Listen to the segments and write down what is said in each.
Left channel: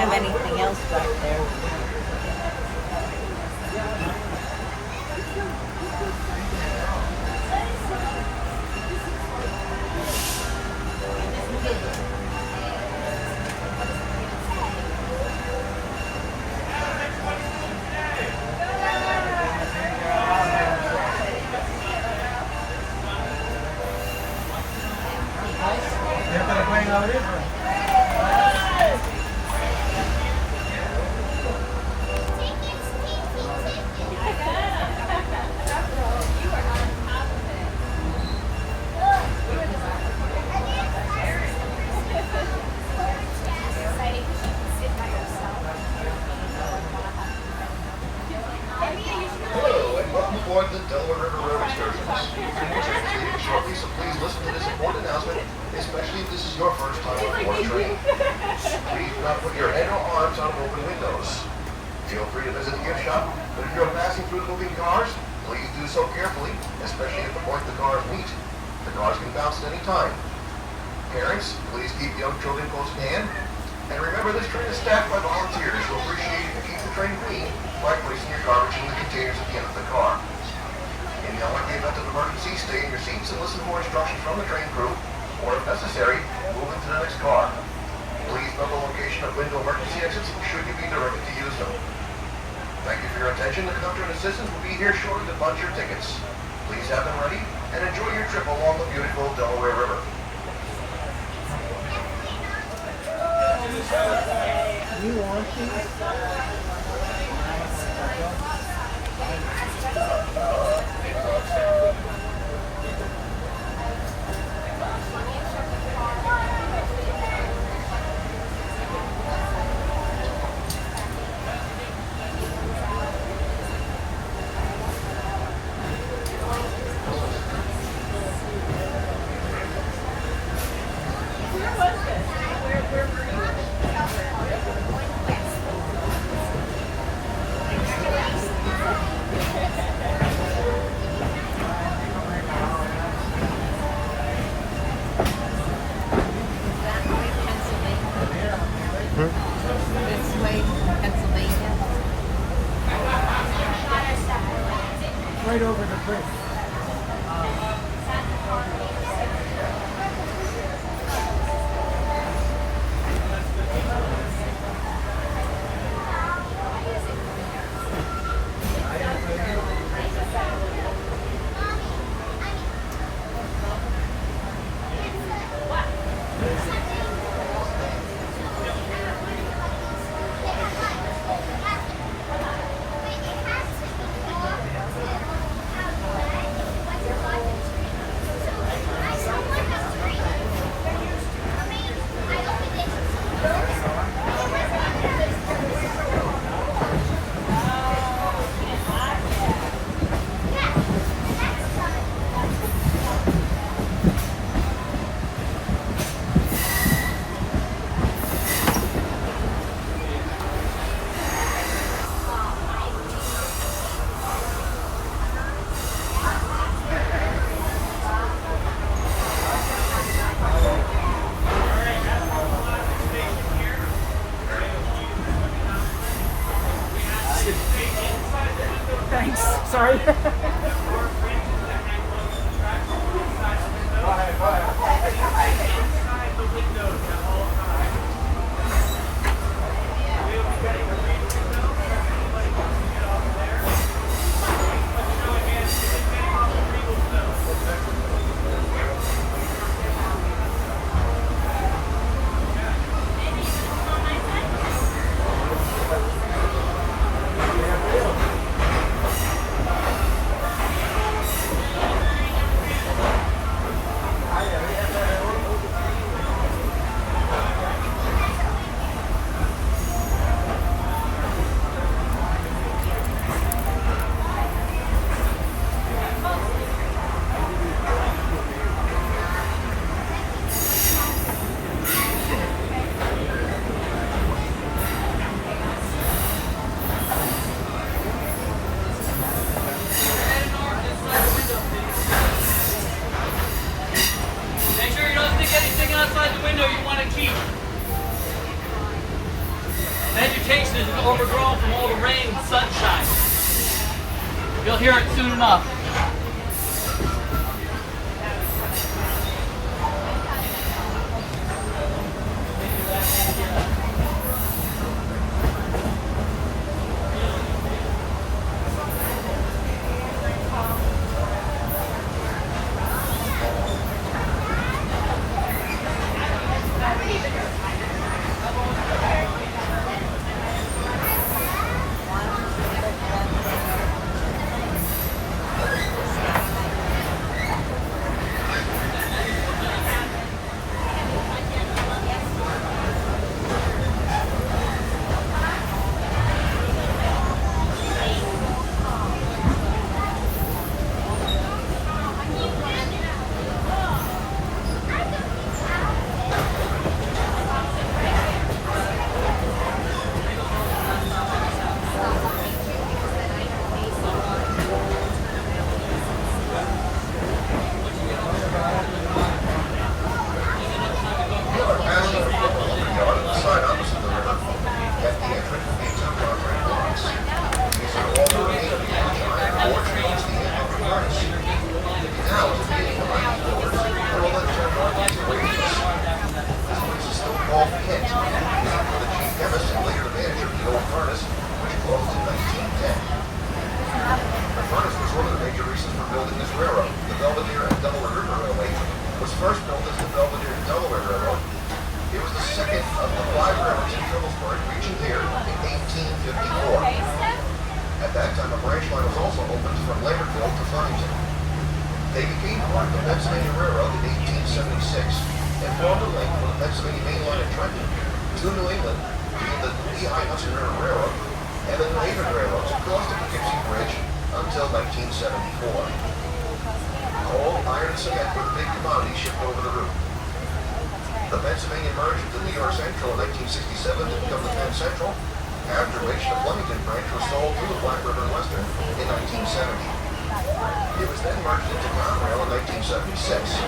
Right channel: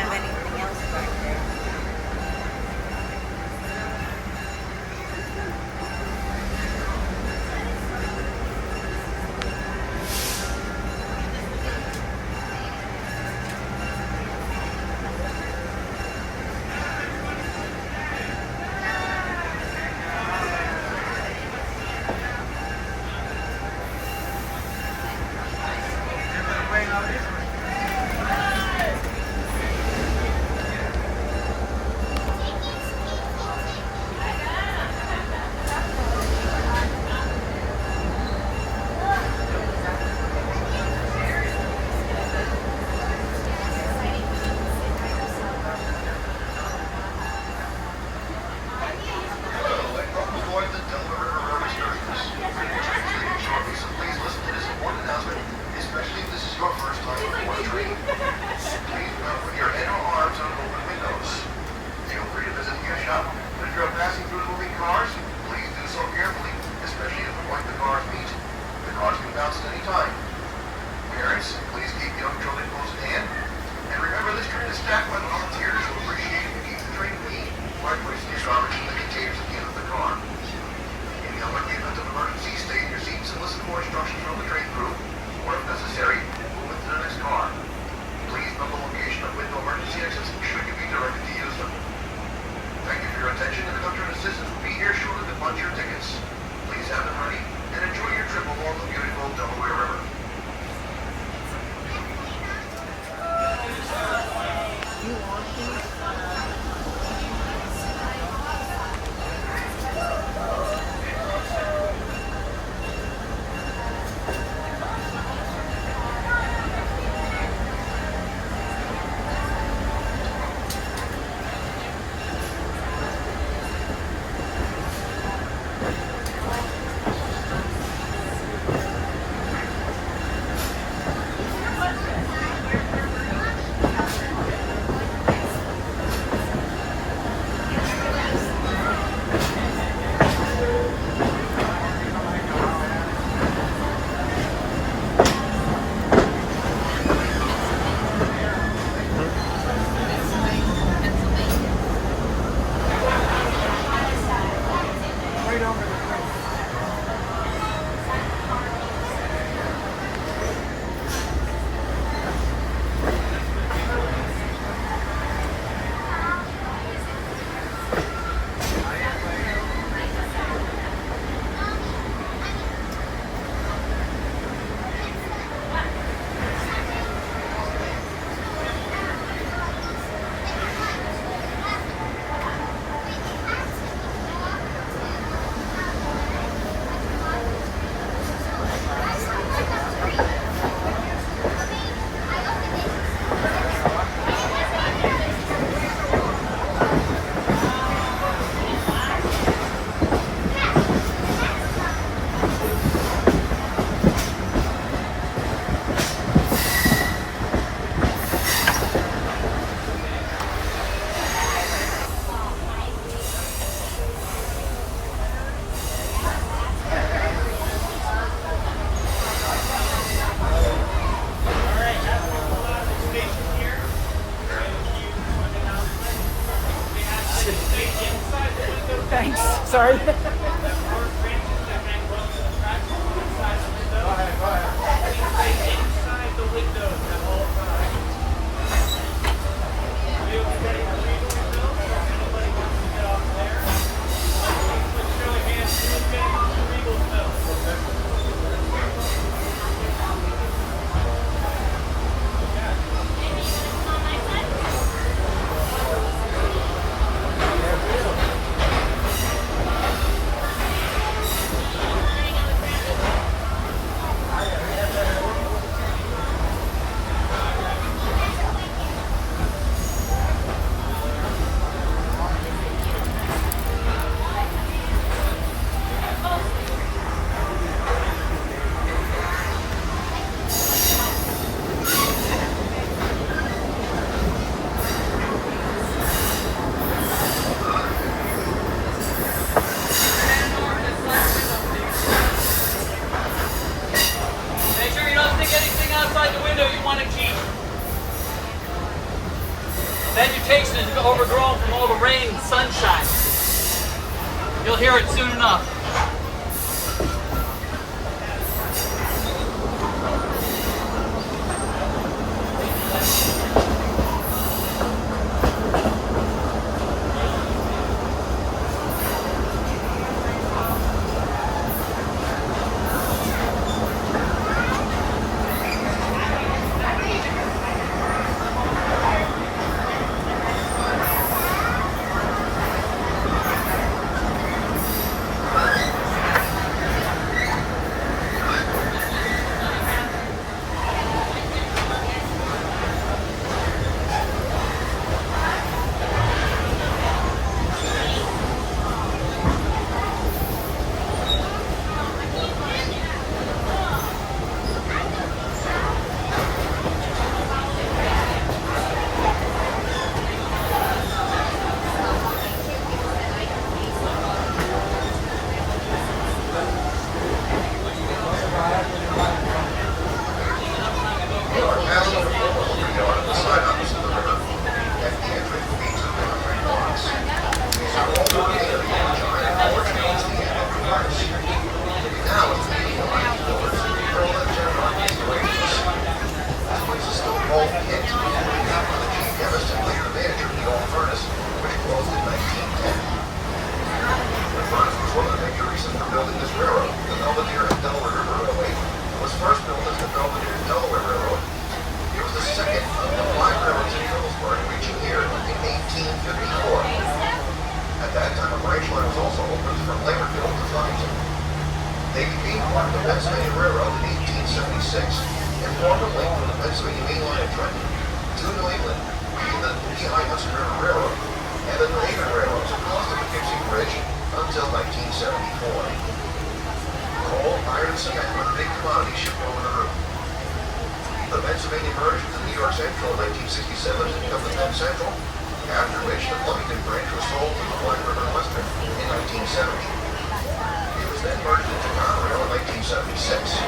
have anything else back there. Hello, and welcome aboard the Delaware River excursions. Your next train is leaving shortly, so please listen to this important announcement, especially if this is your first time on board a train. Please do not put your head or arms on open windows. Feel free to visit the gift shop, but if you're passing through the moving cars, please do so carefully, especially at the point the cars meet. The cars can bounce at any time. Parents, please keep young children close at hand. And remember, this trip is staffed by volunteers who appreciate it to keep the train clean by placing your garbage in the containers at the end of the car. In the event of an emergency, stay in your seats and listen for instructions from the train crew, or if necessary, move into the next car. Please note the location of window emergency exits should you be directed to use them. Thank you for your attention. The conductor and assistant will be here shortly to punch your tickets. Please have them ready and enjoy your trip along the beautiful Delaware River. You want Right over the cliff. Thanks. Sorry. overgrown from all the rain and sunshine. You'll hear it soon enough. First built as the Delaware River. It was the second of the 5 railroads in Hillsborough, reaching here in 1854. At that time, a branch line was also opened from Lakerville to Flemington. They became part of the Pennsylvania Railroad in 1876 and formed a link from the Pennsylvania Main Line of Trenton to New England via the Lehigh Hudson River Railroad and the New Haven Railroads across the Poughkeepsie Bridge until 1974. Coal, iron, and cement were the big commodities shipped over the route. The Pennsylvania merged with the New York Central in 1967 to become the Penn Central, after which the Flemington branch was sold to the Black River Western in 1970. It was then merged into Conrail in 1976.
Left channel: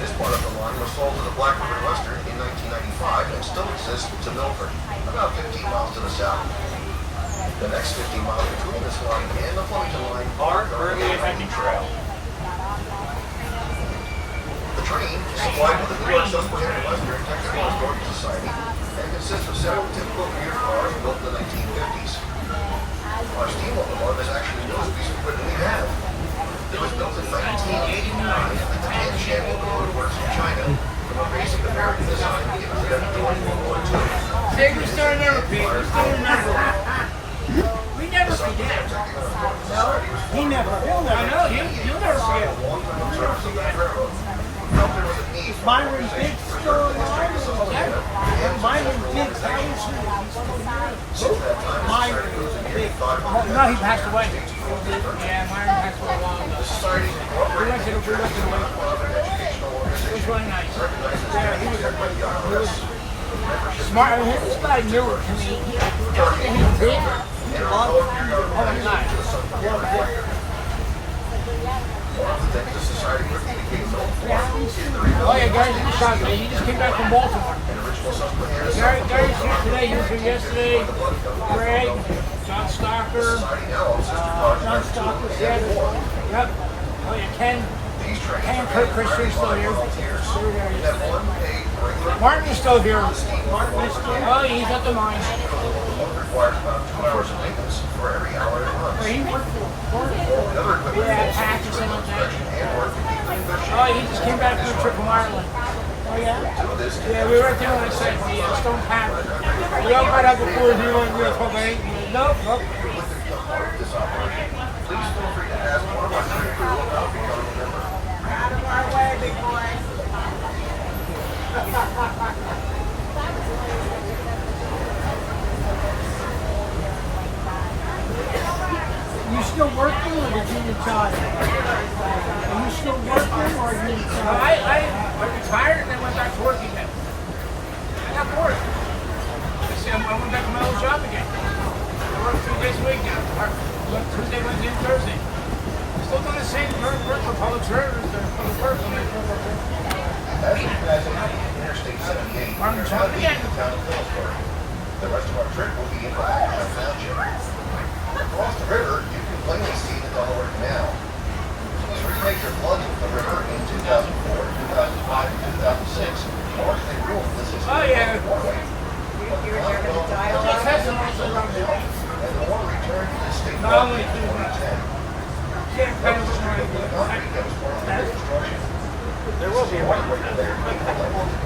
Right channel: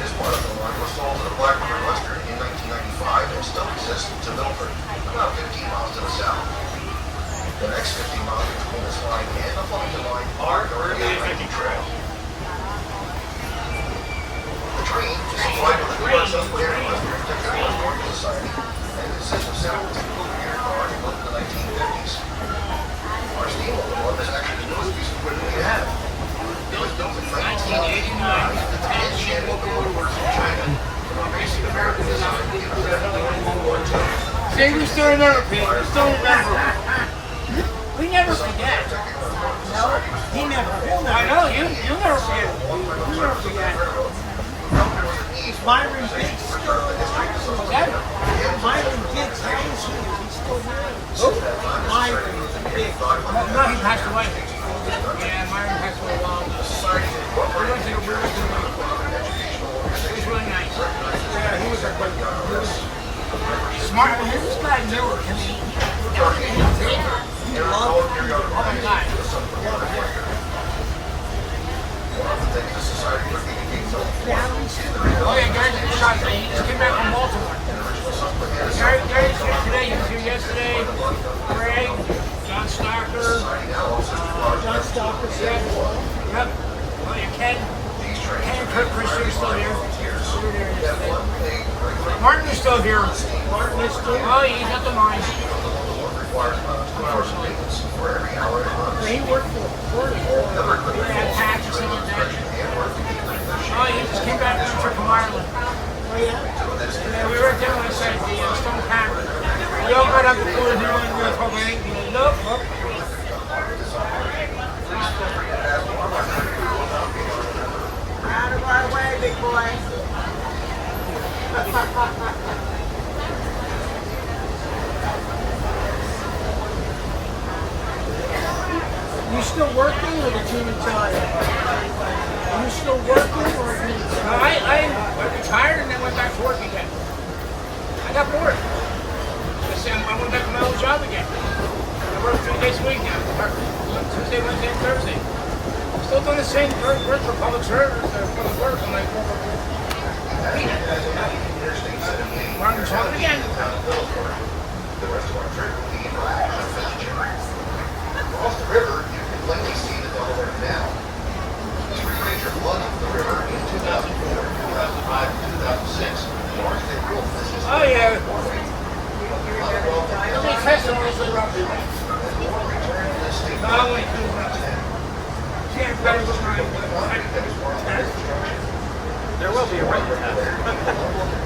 This part of the line was sold to the Black River Western in 1995 and still exists to Milford, about 15 miles to the south. The next 50 miles between this line and the Flemington line are currently a hiking trail. The train is supplied with the Great Susquehanna Western Technical Historical Society and consists of several typical commuter cars built in the 1950s. Our steam locomotive is actually the newest piece of equipment we have. It was built in 1989 at the Tianjin Locomotive Works in China from a basic American design given back in World War II. See, we still remember, Pete. We still remember. We never forget. No, he never. He'll never. I know, you'll never forget. You'll never forget. Myron Biggs still alive? Myron Biggs, how is he? He's still here? Who? Myron Biggs. No, he passed away. Yeah, Myron passed away a while ago. We went to the lake. It was really nice. Yeah, he was smart. I mean, this guy knew it. I mean, everything he did, he loved it. Oh my God. Oh yeah, Gary's in the shot today. He just came back from Baltimore. Gary's here today. He was here yesterday. Greg, John Stocker. John Stocker. Yep. Oh yeah, Ken and Kurt Christian are still here. They were there yesterday. Martin is still here. Oh, he's at the mine. Unfortunately. He worked for Patterson and that. Oh, he just came back from a trip from Ireland. Oh, yeah? Yeah, we were right there last night, the Stone Tavern. We all got up before the dinner and we were talking. Nope, nope. Out of our way, big boy. You still working or did you retire? Are you still working or are you retired? I retired and then went back to work again. I got bored. I went back to my old job again. I work 3 days a week now. Tuesday, Wednesday, and Thursday. I'm still doing the same work for public service or public works. I'm like, Martin, jump again. The rest of our track will be Across the river, you can plainly see the Delaware Canal. Three major floods of the river in 2004, 2005, and 2006 largely ruined this is Oh, yeah. the They test all this around the way. water returned to the state. Not only do can't pay for my test. There will be a right test.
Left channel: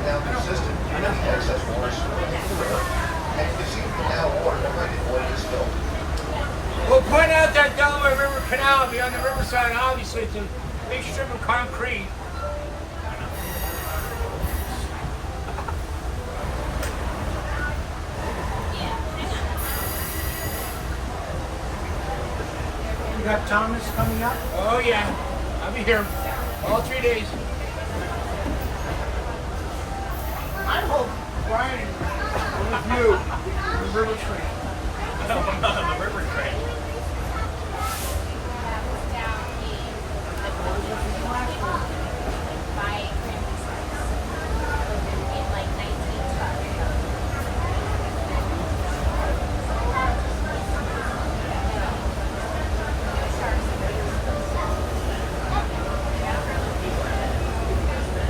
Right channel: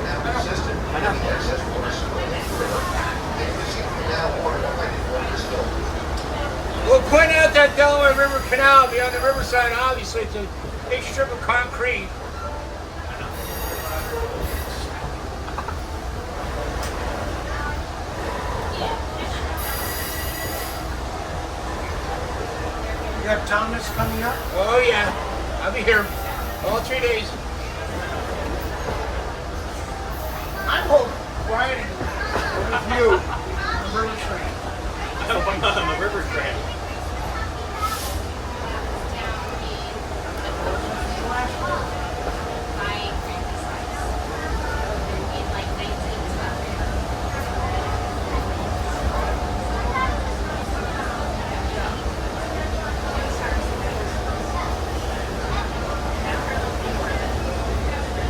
Now consistent with the excess water spilled into the river, making the sea canal water behind it living still. We'll point out that Delaware River Canal beyond the riverside. Obviously, it's a big strip of concrete. You have Thomas coming up? Oh yeah, I'll be here all 3 days. I hope Brian with you on the river train. I hope I'm not on the river train.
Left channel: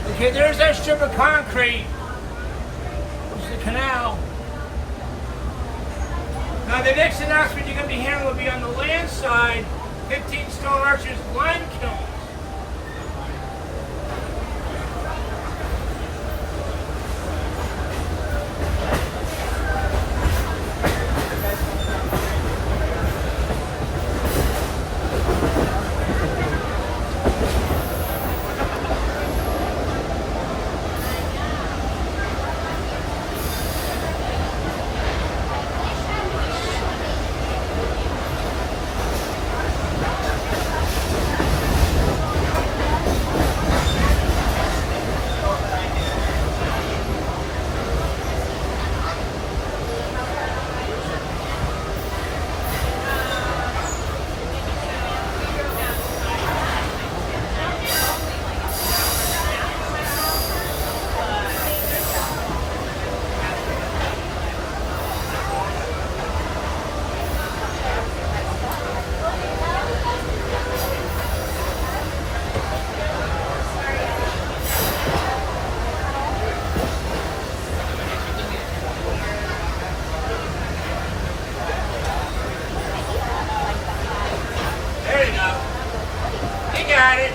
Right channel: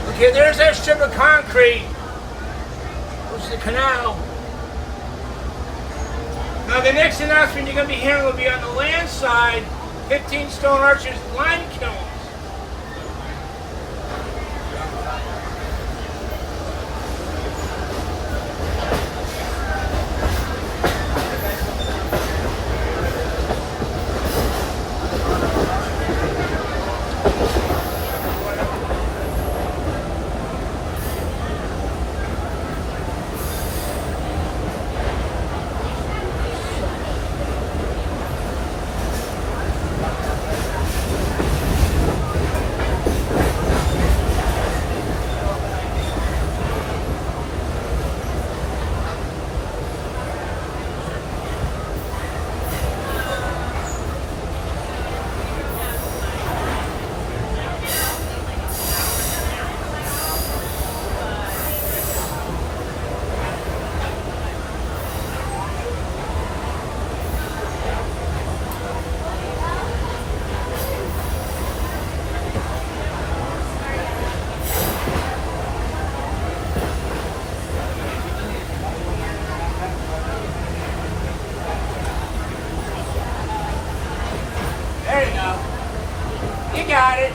Okay, there's that strip of concrete, which is the canal. Now the next announcement you're going to be hearing will be on the land side, 15 Stone Arches lime kilns. There you go. You got it.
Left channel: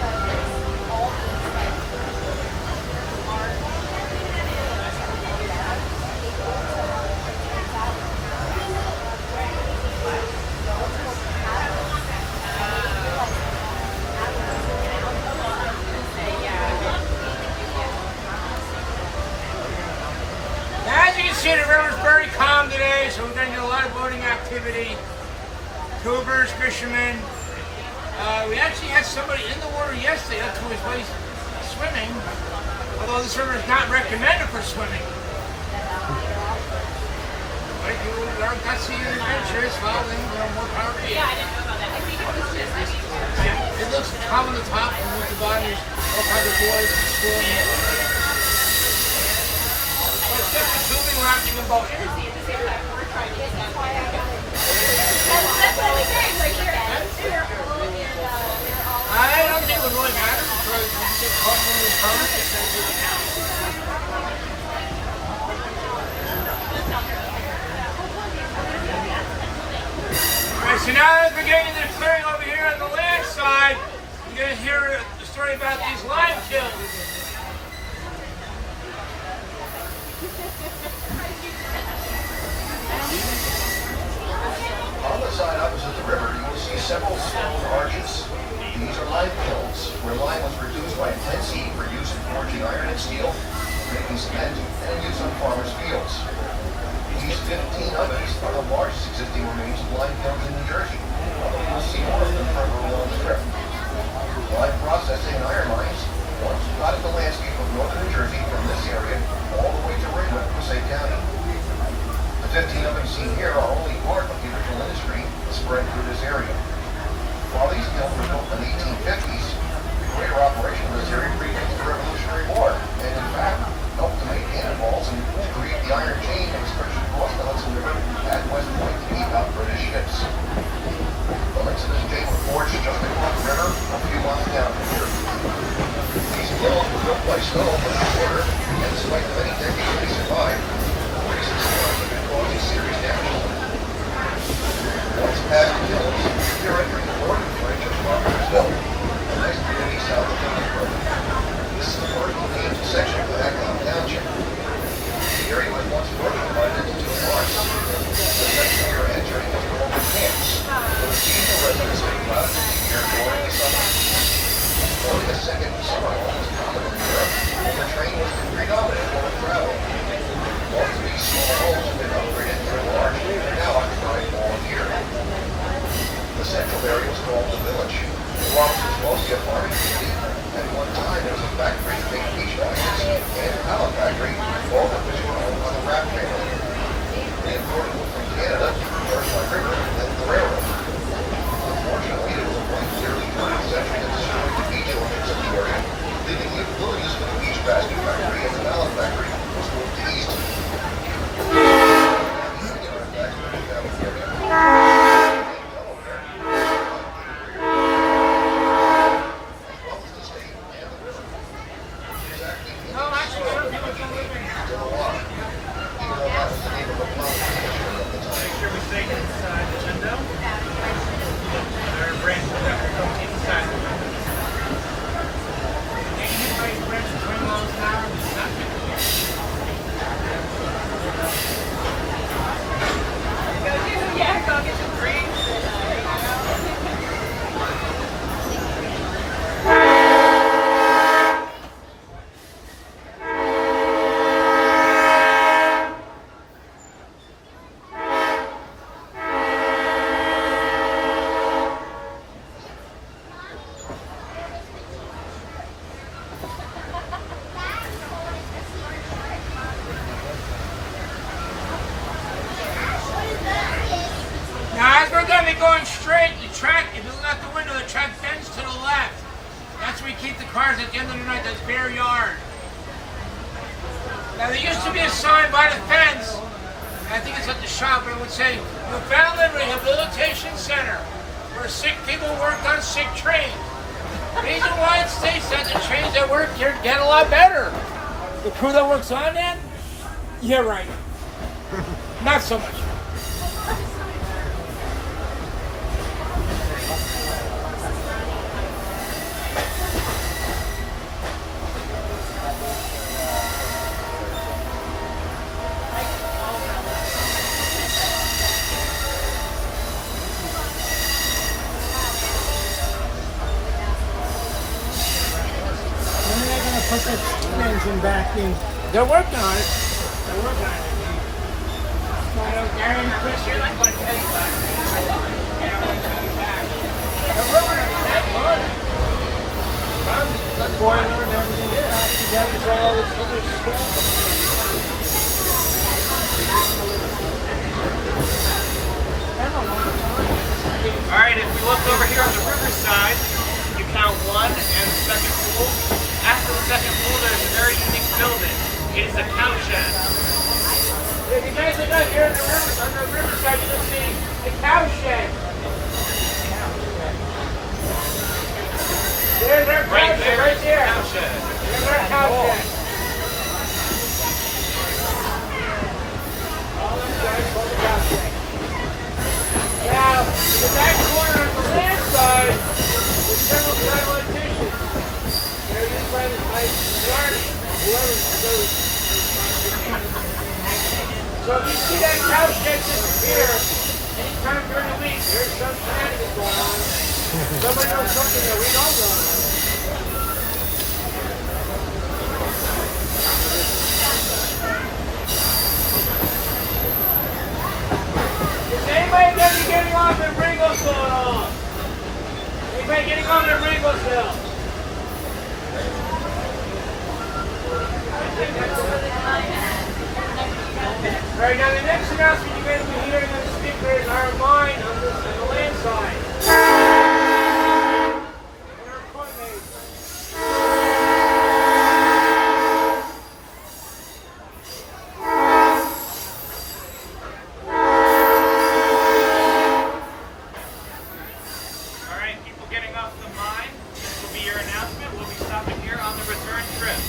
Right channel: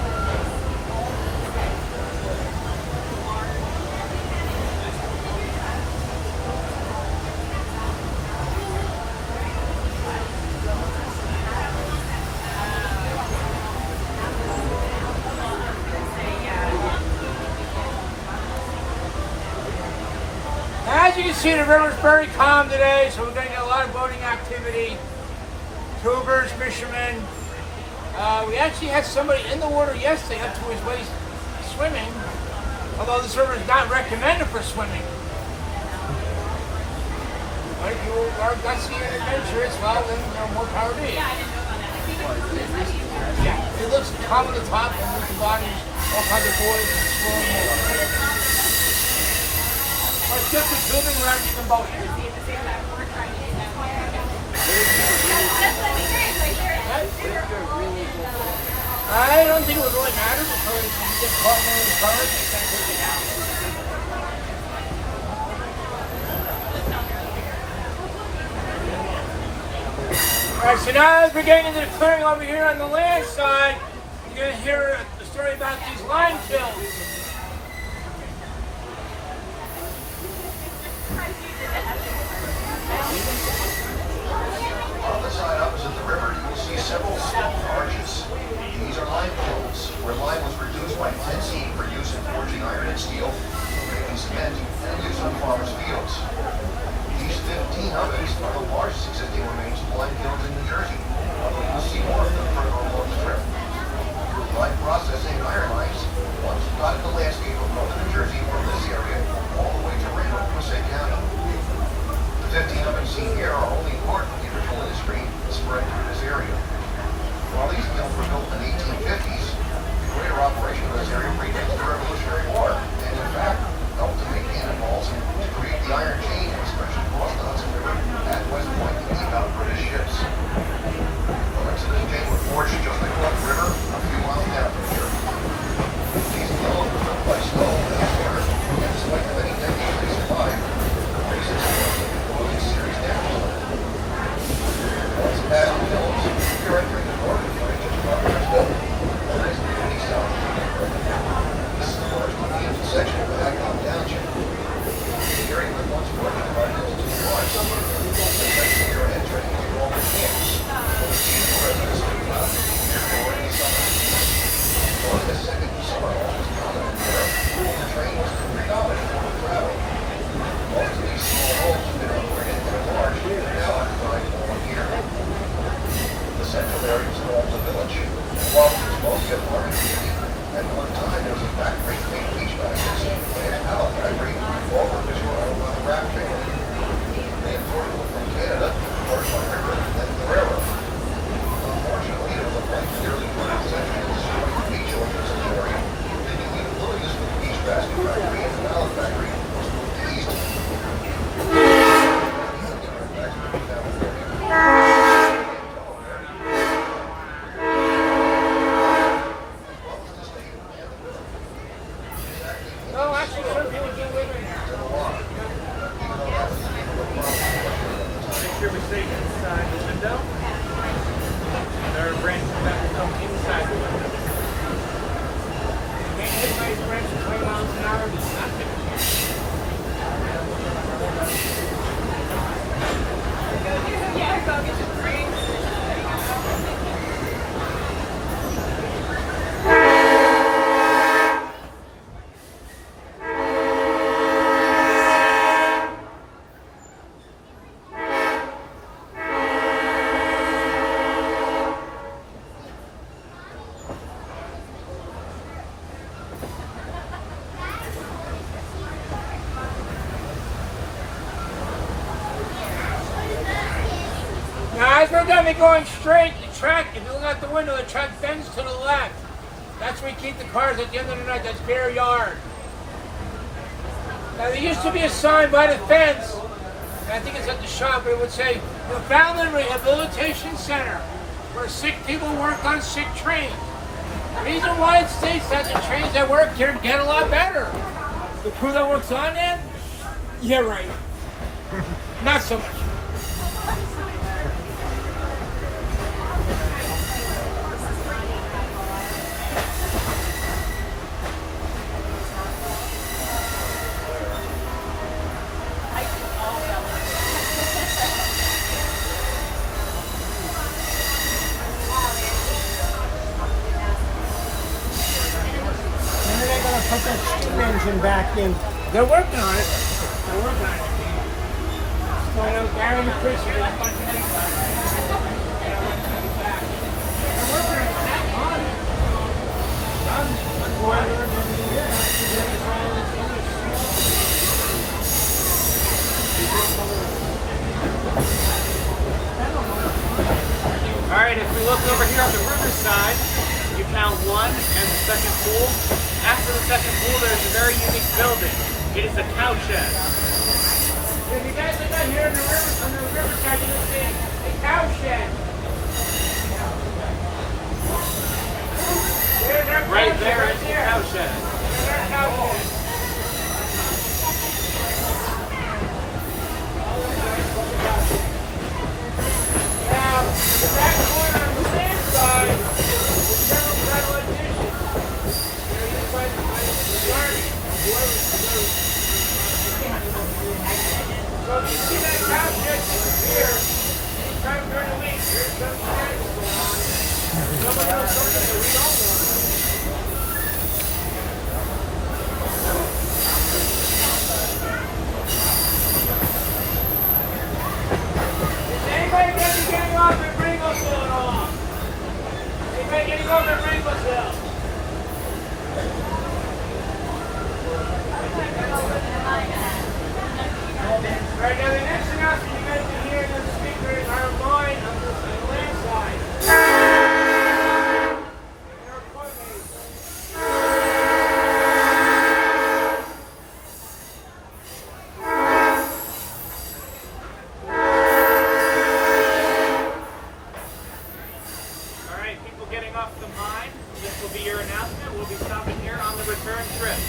As you can see, the river's very calm today, so we're getting a lot of boating activity. Tubers, fishermen. We actually had somebody in the water yesterday up to his waist swimming, although this river is not recommended for swimming. Right? You are gutsy and adventurous, well then, more power to you. Yeah, I didn't know about that. I think it was just like Yeah, it looks calm on the top, and with the bottom is all kinds of boys exploring the water. It's just a swimming around you can boat. we're trying to get That's what we did. Like, I don't think it would really matter because if you get caught in one of those bummers, they can't take it down. Alright, so now as we're getting into the clearing over here on the land side, you're going to hear the story about these lime kilns. On the side opposite the river, you will see several stone arches. These are lime kilns, where lime was produced by pine seed for use in forging iron and steel, making cement, and use on farmers' fields. These 15 ovens are the largest existing remains of lime kilns in New Jersey, although you will see more of them further along the strip. Lime processing and iron mines once divided the landscape of northern New Jersey from this area all the way to Raymond, Passaic County. The 15 ovens seen here are only part of the original industry spread through this area. While these kilns were built in the 1850s, the greater operation of this area predated the Revolutionary War, and in fact, helped to make cannonballs and to create the iron chain and especially cross the Hudson River at West Point By snow in Delaware, despite the many decades they survived, 46 cars have been causing serious damage. Once past the hills, you're entering the northern branch of Progress Hill, the next community south of Delaware. This is the vertically section of Aglock Township. The area was once further divided into two parts. The section you're entering was known as camps. The residents of the left here during the summer. Only the second summer home was common in Europe. The train was the predominant mode of travel. All of these small homes have been upgraded through March and are now occupied for 1 year. The central area was called the village. The farm was mostly a farming community. At one time, there was a factory made beach baskets and a pallet factory, both of which were owned by the Pratt family. They imported from Canada, Delaware River, and the railroad. Unfortunately, it was a point in the early 20th century that destroyed the beach owners in the area, leaving the employees for the beach basket factory and the pallet factory was moved east. Yeah, I'll get some green. Now, as we're going to be going straight, the track, if you look out the window, the track bends to the left. That's where we keep the cars at the end of the night. That's Bear Yard. Now, there used to be a sign by the fence, and I think it's at the shop, but it would say, Newfoundland Rehabilitation Center, where sick people work on sick trains. The reason why it states that the trains that work here get a lot better. The crew that works on them? Yeah, right. Not so much. When are they going to put the engine back in? They're working on it. They're working on it. So Gary and Chris are like going to everybody. They're working on it. That's fun. The boiler and everything else together for all this Alright, if we look over here on the riverside, you count one and the second pool. After the second pool, there's a very unique building. It is a cow shed. If you guys look out here on the riverside, you can see the cow shed. There's our cow Right shed, there right is the there. cow shed. There's our cow shed. Now, the back corner on the land side is several satellite dishes. They're used by the Army. So if you see that cow shed disappear, anytime during the week, there's some shenanigans going on. Somebody knows something that we don't know. Is anybody going to be getting off at Ringosville at all? Anybody getting off at Ringosville? Right now, the next announcement you're going to be hearing on the speakers are mine on the land side. Your coordinates. Alright, people getting off the mine, this will be your announcement. We'll be stopping here on the return trip. trip.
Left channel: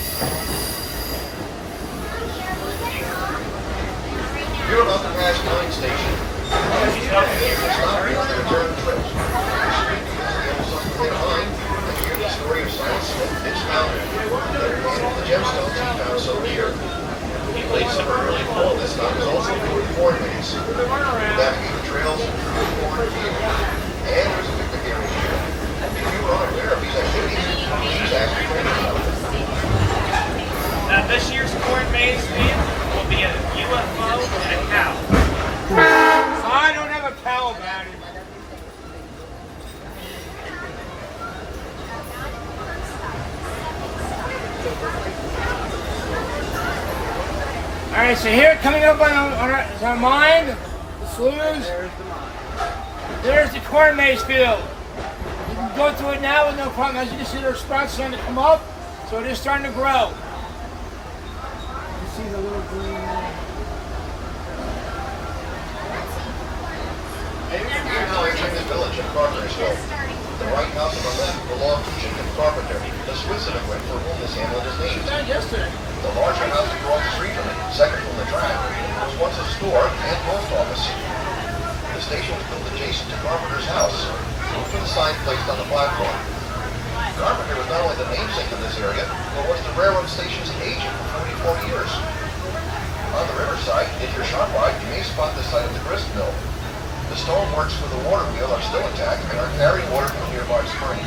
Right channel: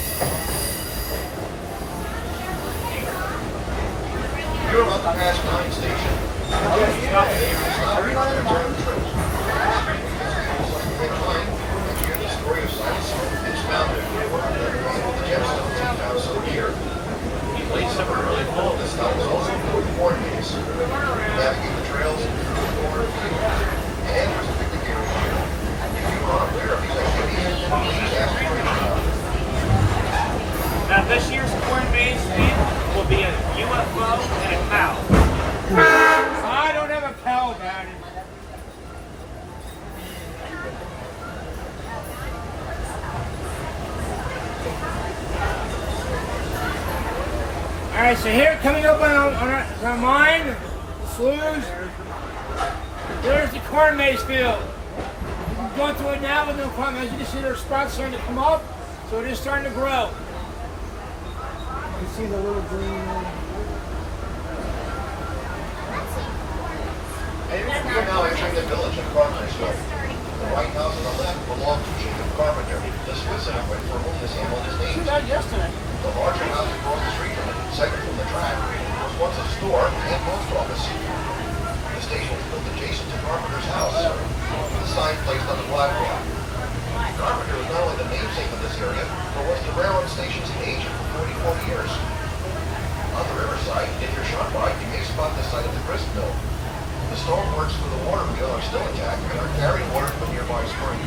Here about the Gas 9 station. Stop it here. The story of Silas Smith is founded. The gemstones he found so dear. He played some really cool. This time is also corn maze. Navigating trails through the cornfield. And there's a picnic area. If you were unaware of these activities, please ask your neighbor. Now this year's corn maze theme will be a UFO and a cow. I don't have a cow about it. Alright, so here coming up on mine, the sloughs, there's the corn maze field. You can go through it now with no problem. As you can see, there's sprouts starting to come up, so it is starting to grow. You see the little green one? Hey, you're now entering the village of Carpentersville. The White House on the left belonged to Jacob Carpenter, the Swiss immigrant for whom this hamlet is She named. died yesterday. The larger house across the street from it, second from the track, was once a store and post office. The station was built adjacent to Carpenter's house, with a sign placed on the platform. Carpenter was not only the namesake of this area, but was the railroad station's agent for 34 years. On the riverside, if you're shot by, you may spot the site of the grist mill. The stoneworks for the water wheel are still intact and are carrying water from a nearby spring.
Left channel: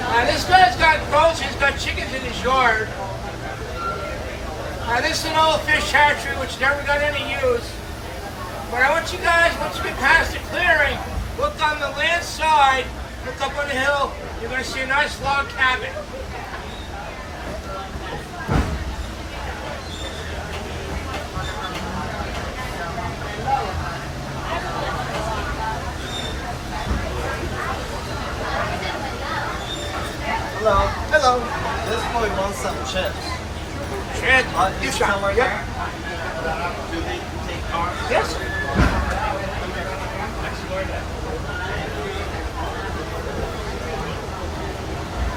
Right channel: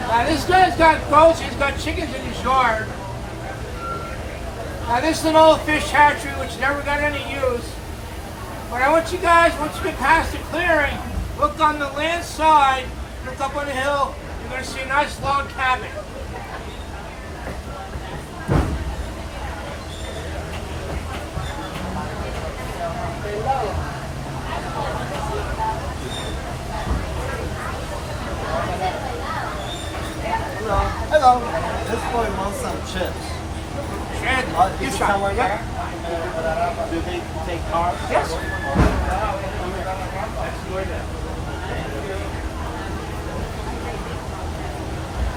Now this guy's got goats, he's got chickens in his yard. Now this is an old fish hatchery which never got any use. But I want you guys, once you get past the clearing, look on the land side, look up on the hill, you're going to see a nice log cabin. Hello. Hello. This boy wants some chips. Is it somewhere there? Do they take cars? Yes.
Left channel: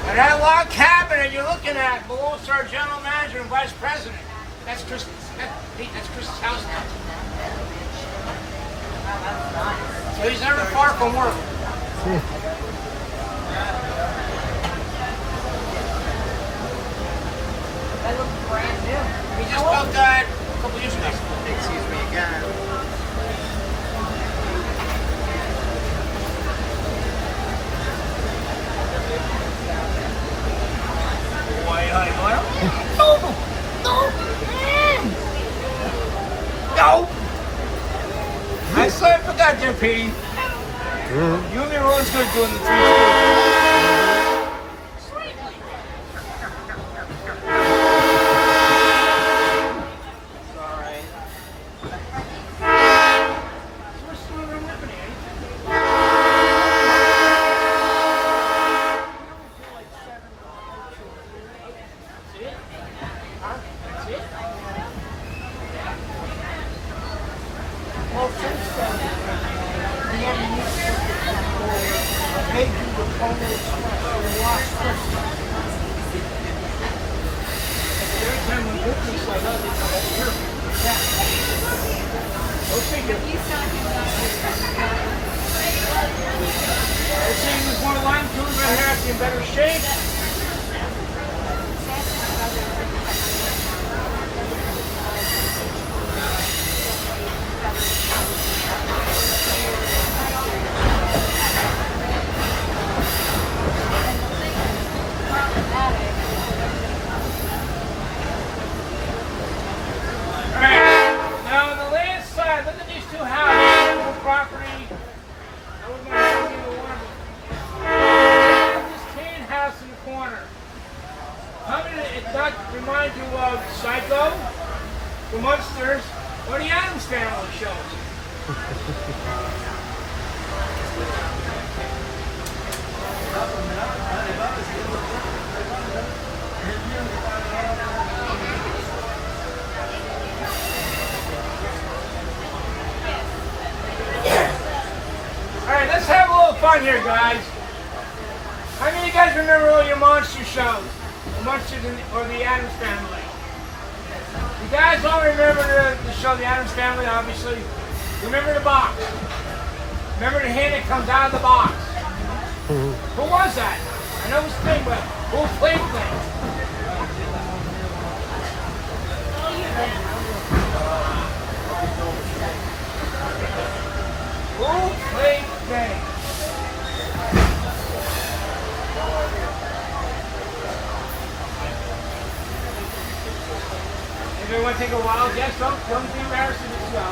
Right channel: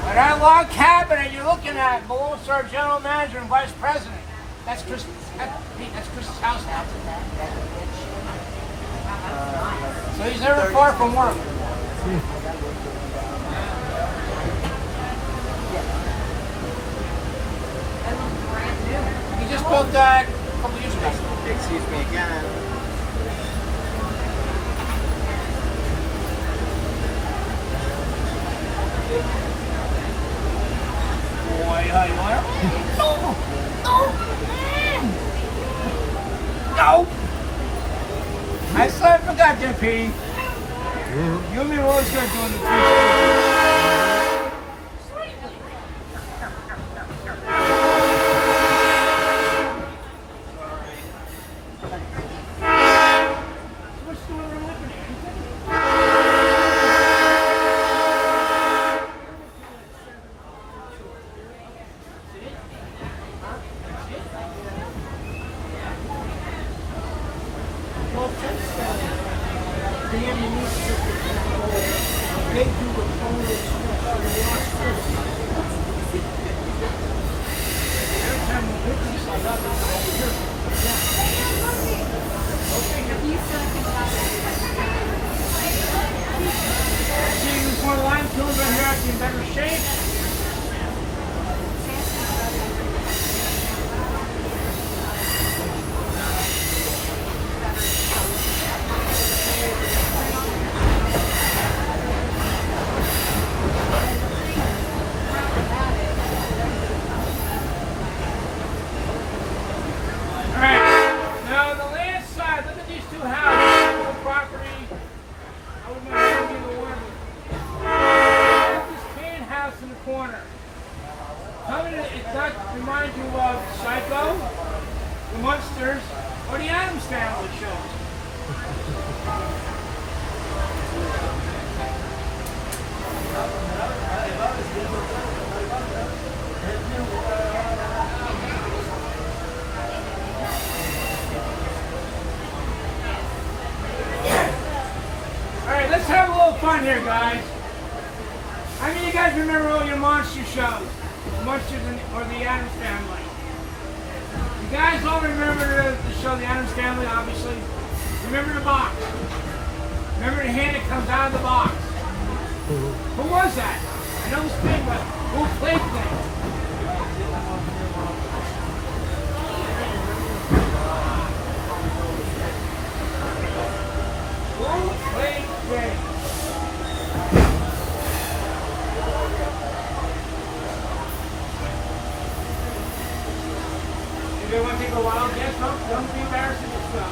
Now that log cabin that you're looking at belongs to our general manager and vice president. That's Chris. That's Chris's house now. So he's never far from work. They look brand new. He just built that a couple years ago. Excuse me again. Why, no! No! No! I swear I forgot you, Petey. You and me were always going to do in the future. In better shape. In the corner. How many did that remind you of Psycho, the Monsters, or the Addams Family show? fun here, guys. How many of you guys remember all your monster shows? The Monsters or the Addams Family? You guys all remember the show The Addams Family, obviously. Remember the box? Remember the hand that comes out of the box? Who was that? I know it was Thing, but who played Thing? Who played Thing? You want to take a wild guess? Don't be embarrassed of this show.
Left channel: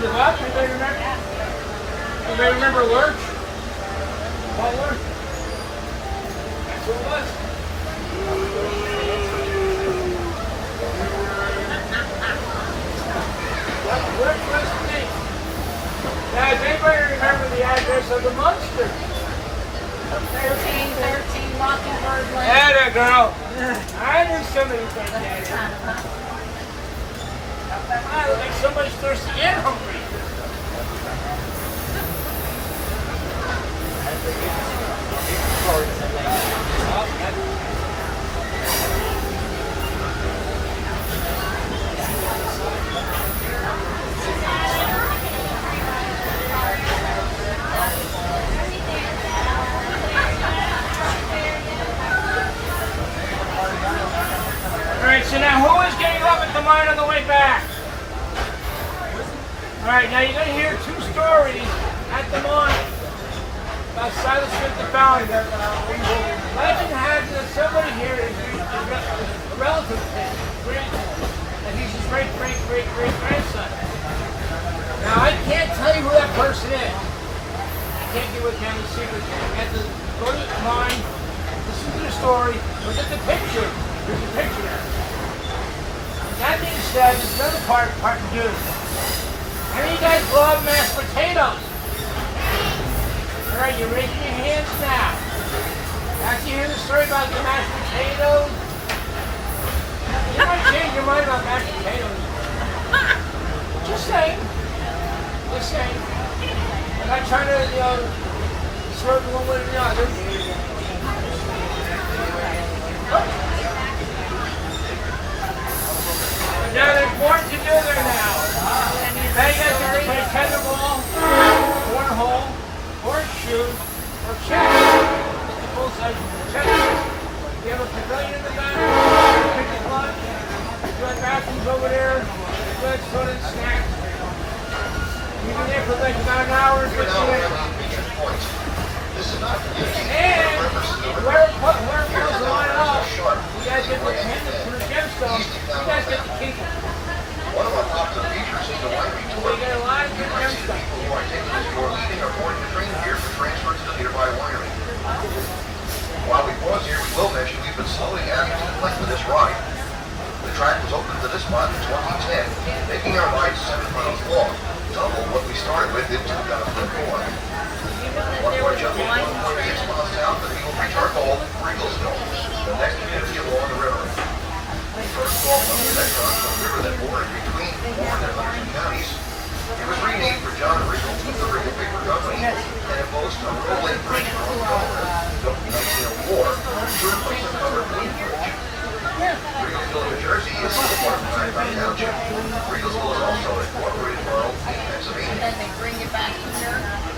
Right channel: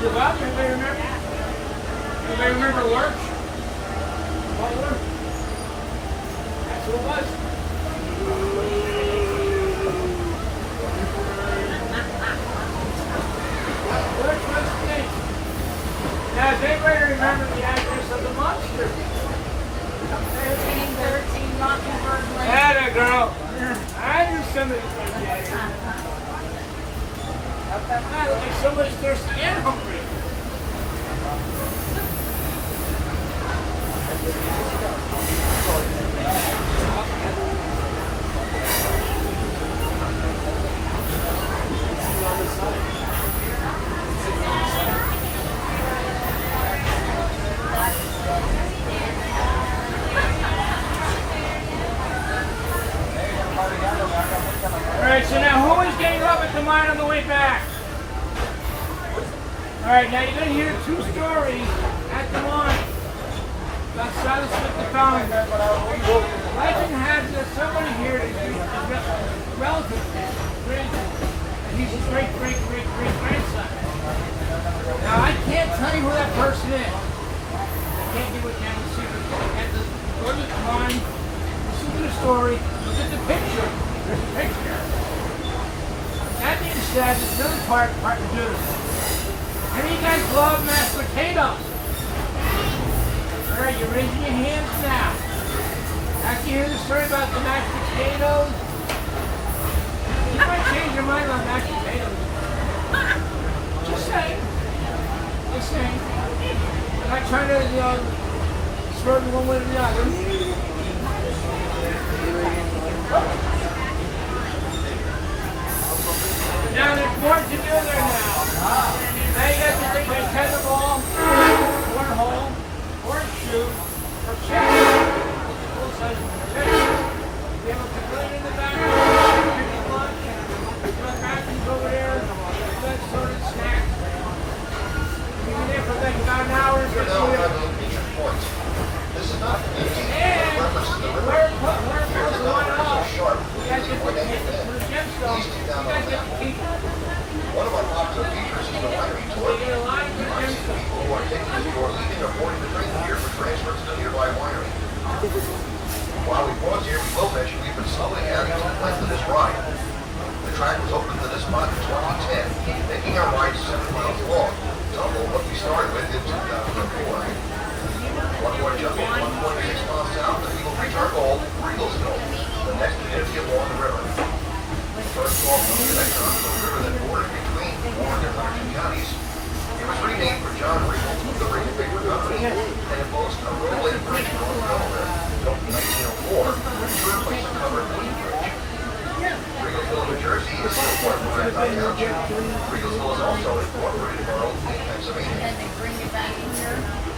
Give up? Anybody remember? Anybody remember Lurch? What Lurch? That's who it was. Lurch was the name. Now, does anybody remember the address of the monster? 1313 Mockingbird Lane. There you go. I knew somebody said that. I look like somebody's thirsty and hungry. Alright, so now who is getting up at the mine on the way back? Alright, now you're going to hear two stories at the mine about Silas Smith the Founder. Legend has that somebody here is a relative of his, and he's his great-great-great-great-grandson. Now, I can't tell you who that person is. I can't give a family secret. You have to go to the mine, listen to the story, look at the picture. There's a picture there. That being said, there's another part to do. How many of you guys love mashed potatoes? Alright, you're raising your hands now. After you hear the story about the mashed potatoes, you might change your mind about mashed potatoes. Just saying. Just saying. I'm not trying to, swerve one way or the other. Now there's more to do there now. Now you guys can play tetherball, cornhole, horseshoe, or chess. Full size chess. You have a pavilion in the back, pick your lunch, there's bathrooms over there, lunch, soda, and snacks. You've been there for like about an hour and 15 minutes. And whoever goes the line up, you guys get the gemstones, you guys get the key. So you get a line of gemstones. While we pause here, we will mention we've been slowly adding to the length of this ride. The track was opened to this spot in 2010, making our ride 7 miles long, double what we started with in 2004. There was a line of train. The next activity along the river. First of all, the river that bordered between Warren and Livingston counties. It was renamed for John Regal, the Regal Paper Company, and it boasts a rolling bridge from the built in 1904 to replace the covered wheat bridge. Regalville, New Jersey is incorporated by township. Regalville is also incorporated by Pennsylvania. And then they bring it back in here.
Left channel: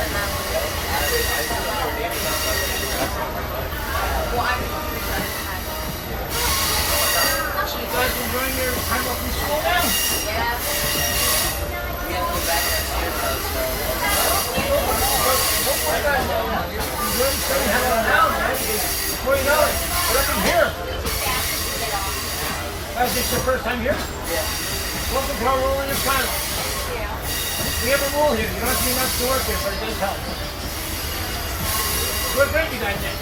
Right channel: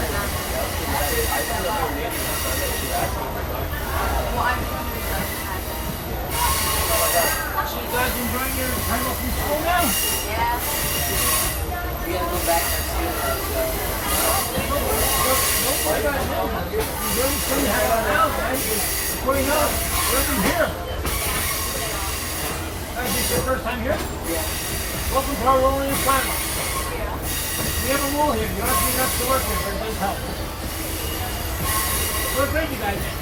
So you guys enjoying your time off from school now? Enjoy the sun you have on now, man. Before you know it, welcome here. Is this your first time here? Welcome to our role in your final. We have a rule here. You don't have to be enough to work here, but it does help. What grade you guys in?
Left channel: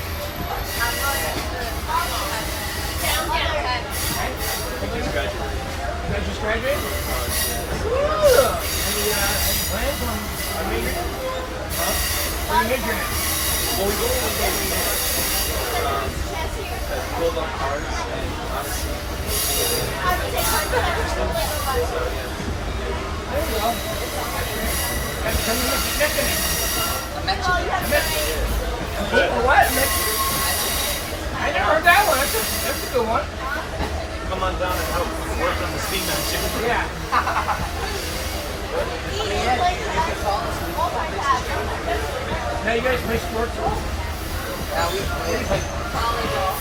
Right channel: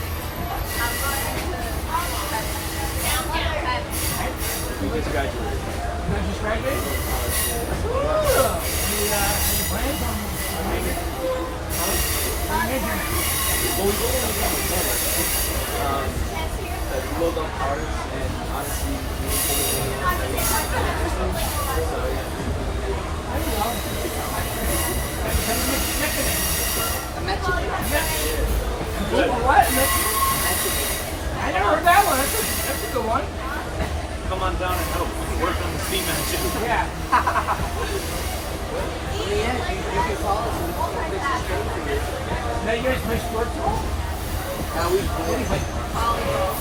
We just graduated. You guys just graduated? Cool. Any plans on major? Huh? What are you majoring in? Well, we rolled on mechanics. Because we rolled on cars, and honestly, anything is interesting. So, yeah, we rolled on mechanics. There you go. Got to come to Mexican. A Mexican. What? A Mexican? I never heard that one. That's a good one. Come on down and help work on the steam engine. Yeah. I mean, yeah, you can call us and we'll fix the schedule for you. Now you guys play sports at all? We Volleyball.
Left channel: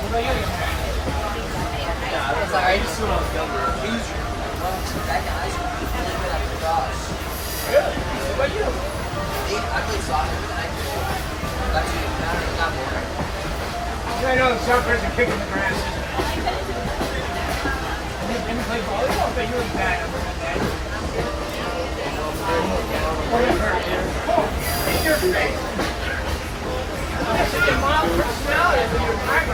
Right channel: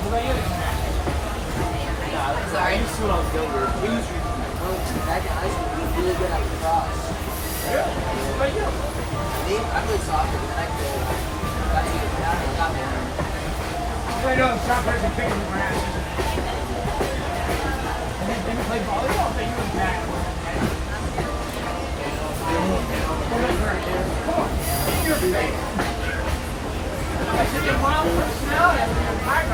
What about you, young man? Nah, I used to when I was younger. back in high school, he was really good at lacrosse. Really? What about you? Me, I played soccer, but then I quit. Got boring. I know soccer is a kick in the grass, isn't it? And you play volleyball? I bet you were bad at that. What about her? It's your face. You got such a mild personality. I mean, you're tired.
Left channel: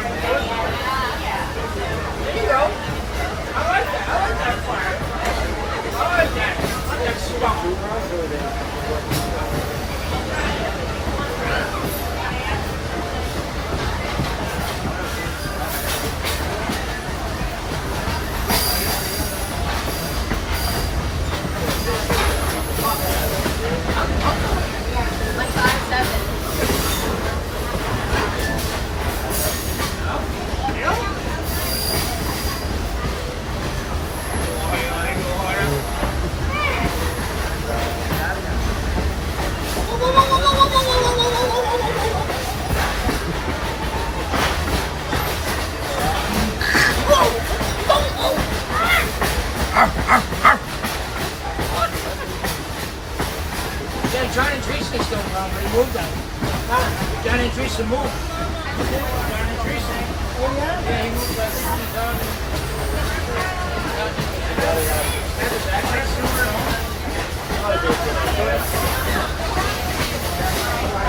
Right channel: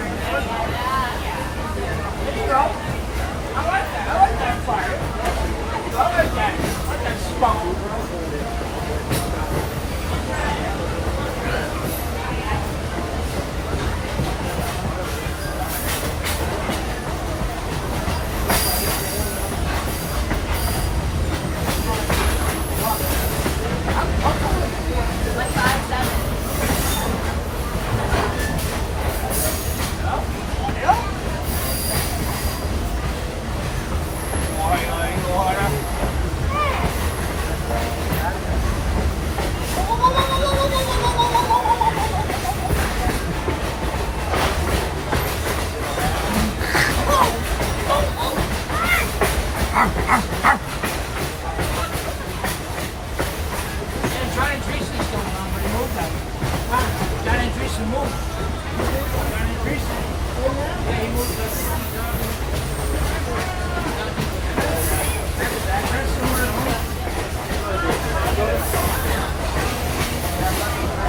There you go. I like that. I like that fire. I like that. I like that spunk. Like 5'7". Yeah, John and Tracy still around, but he moved them. John and Tracy moved. John and Tracy. Yeah, he moved like down. Have his address somewhere at home.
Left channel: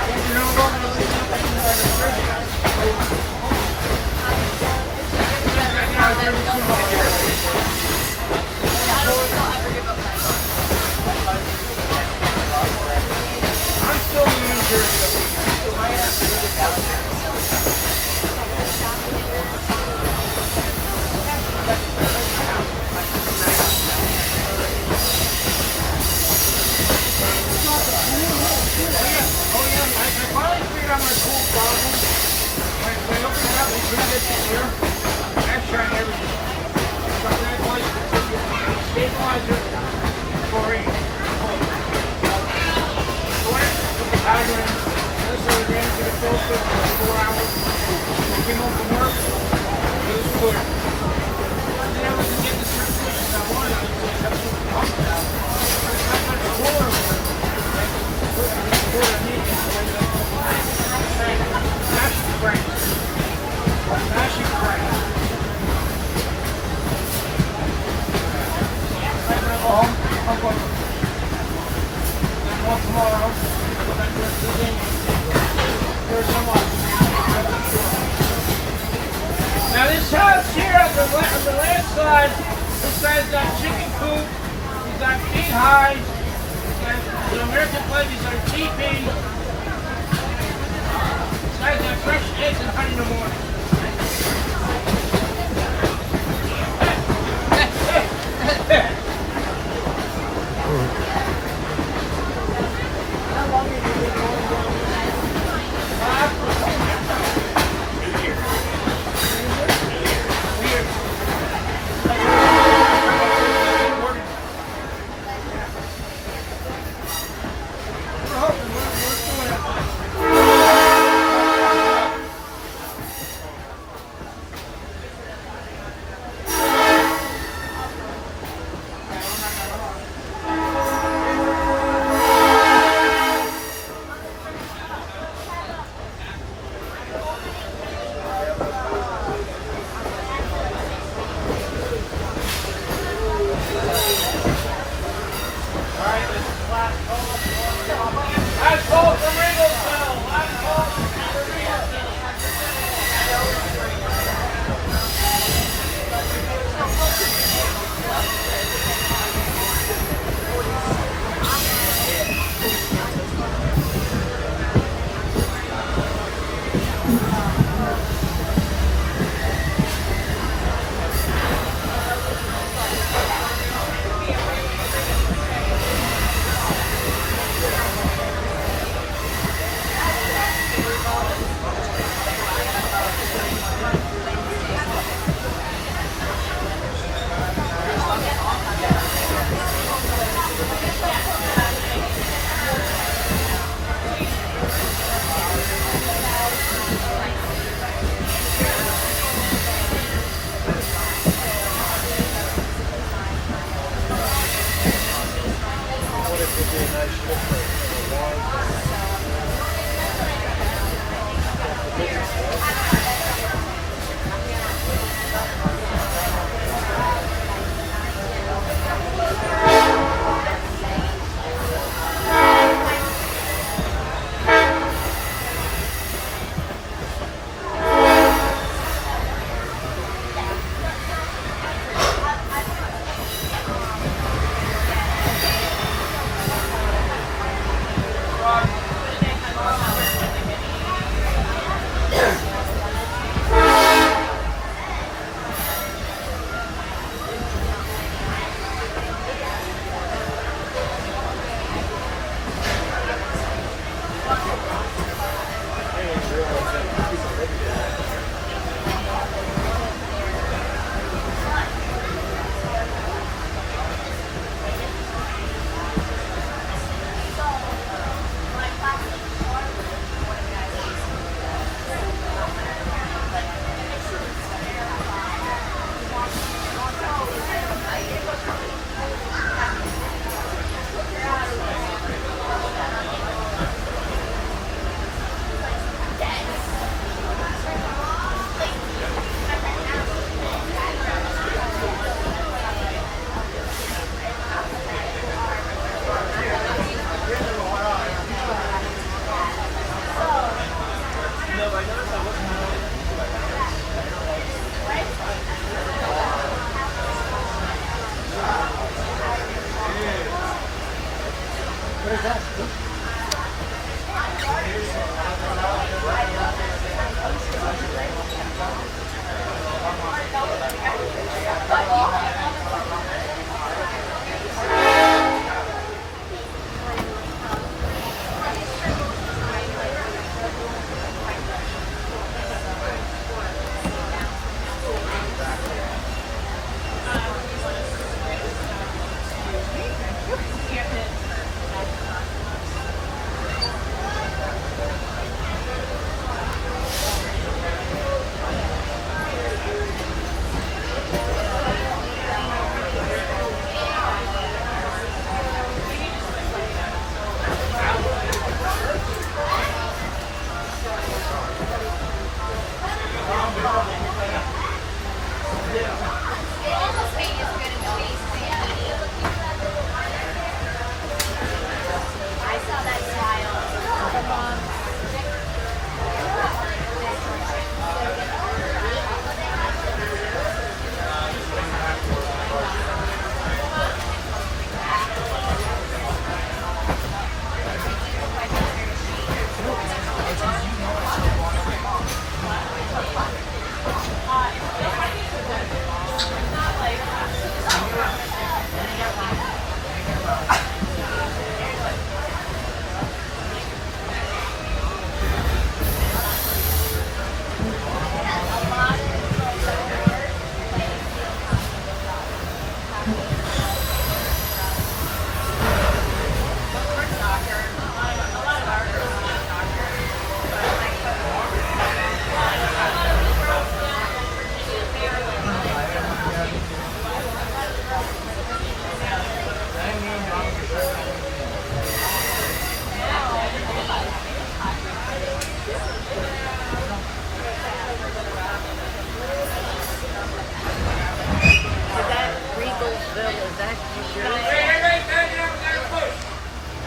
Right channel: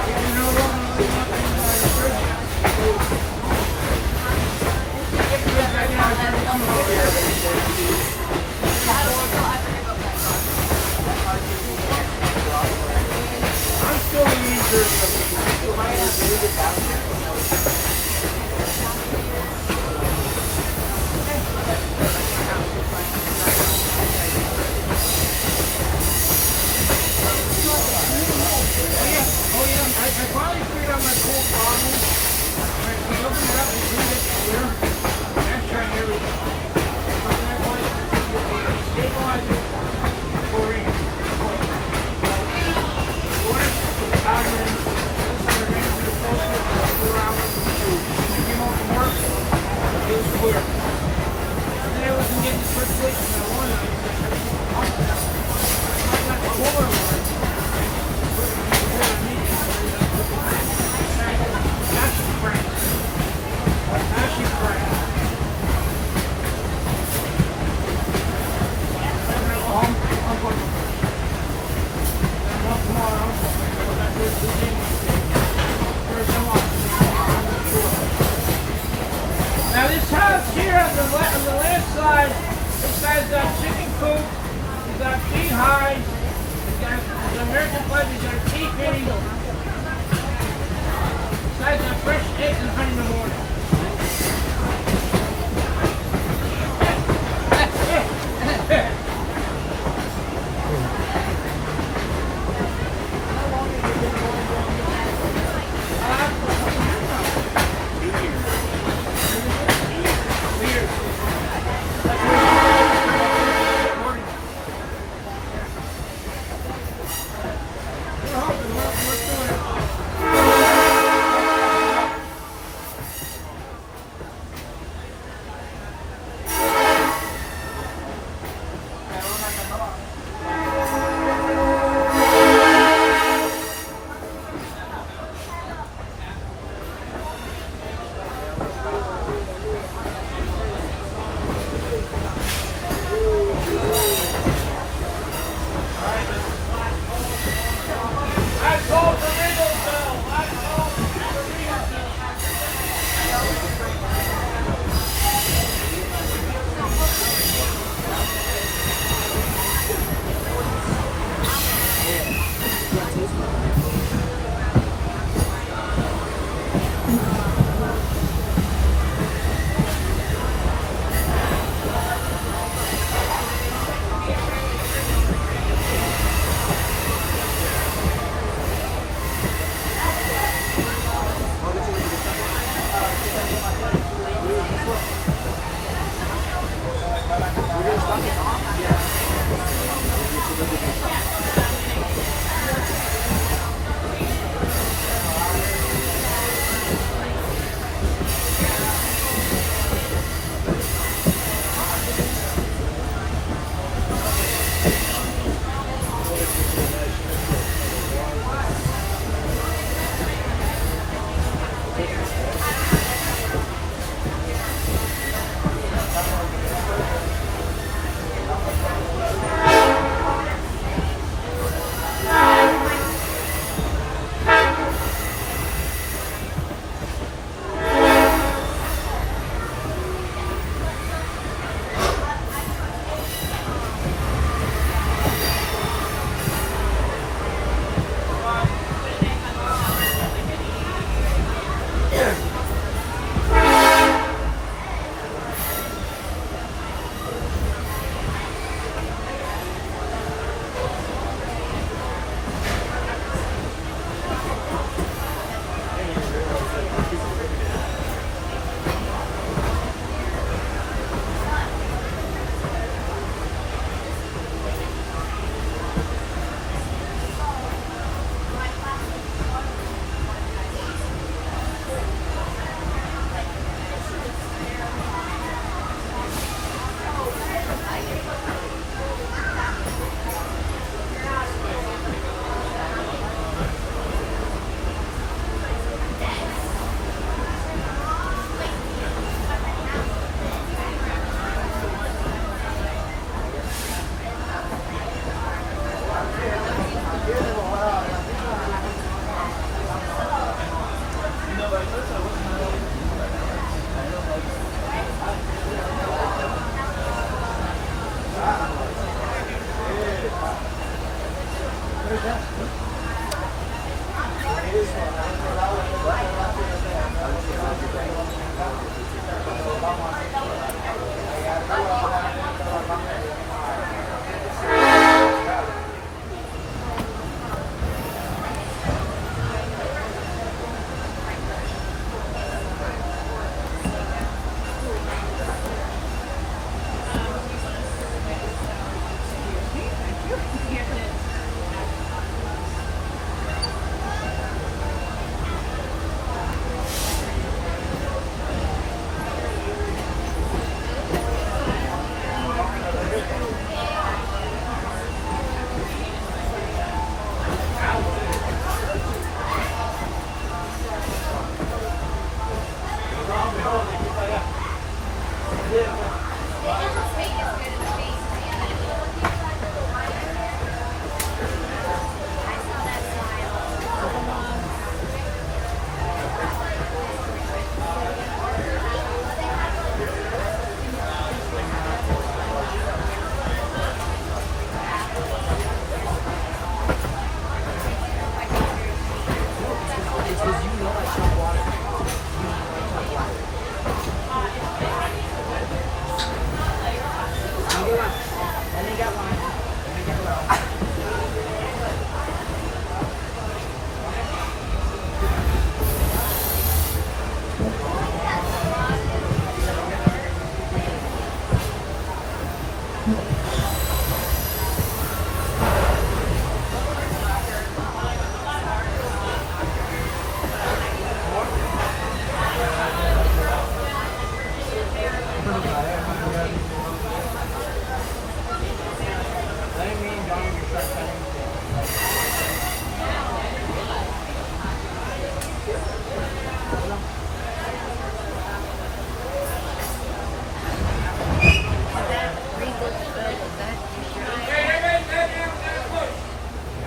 He's no longer living up in I'm still in New Jersey. I finally figured out my cool problem. When I open it up and clean it clear, I'm trying everything. So I'm not going to stabilizer, chlorine. With the battery, the other side of the ran through the filter for like 4 hours. I came home from work, it was clear. And then I wasn't getting the circulation I wanted. I just had to put the pump down. It's not much cooler one. Put it in the cooler I need. That's great. That's great. When I go home, I'm going to. I'm off tomorrow. I'm not doing Tuesday, Wednesday. Thursday, now this house here on the left side, this guy's got chicken coop, he's got big hives, he's got the American flag, he's got a teepee. This guy's got fresh eggs and honey in the morning.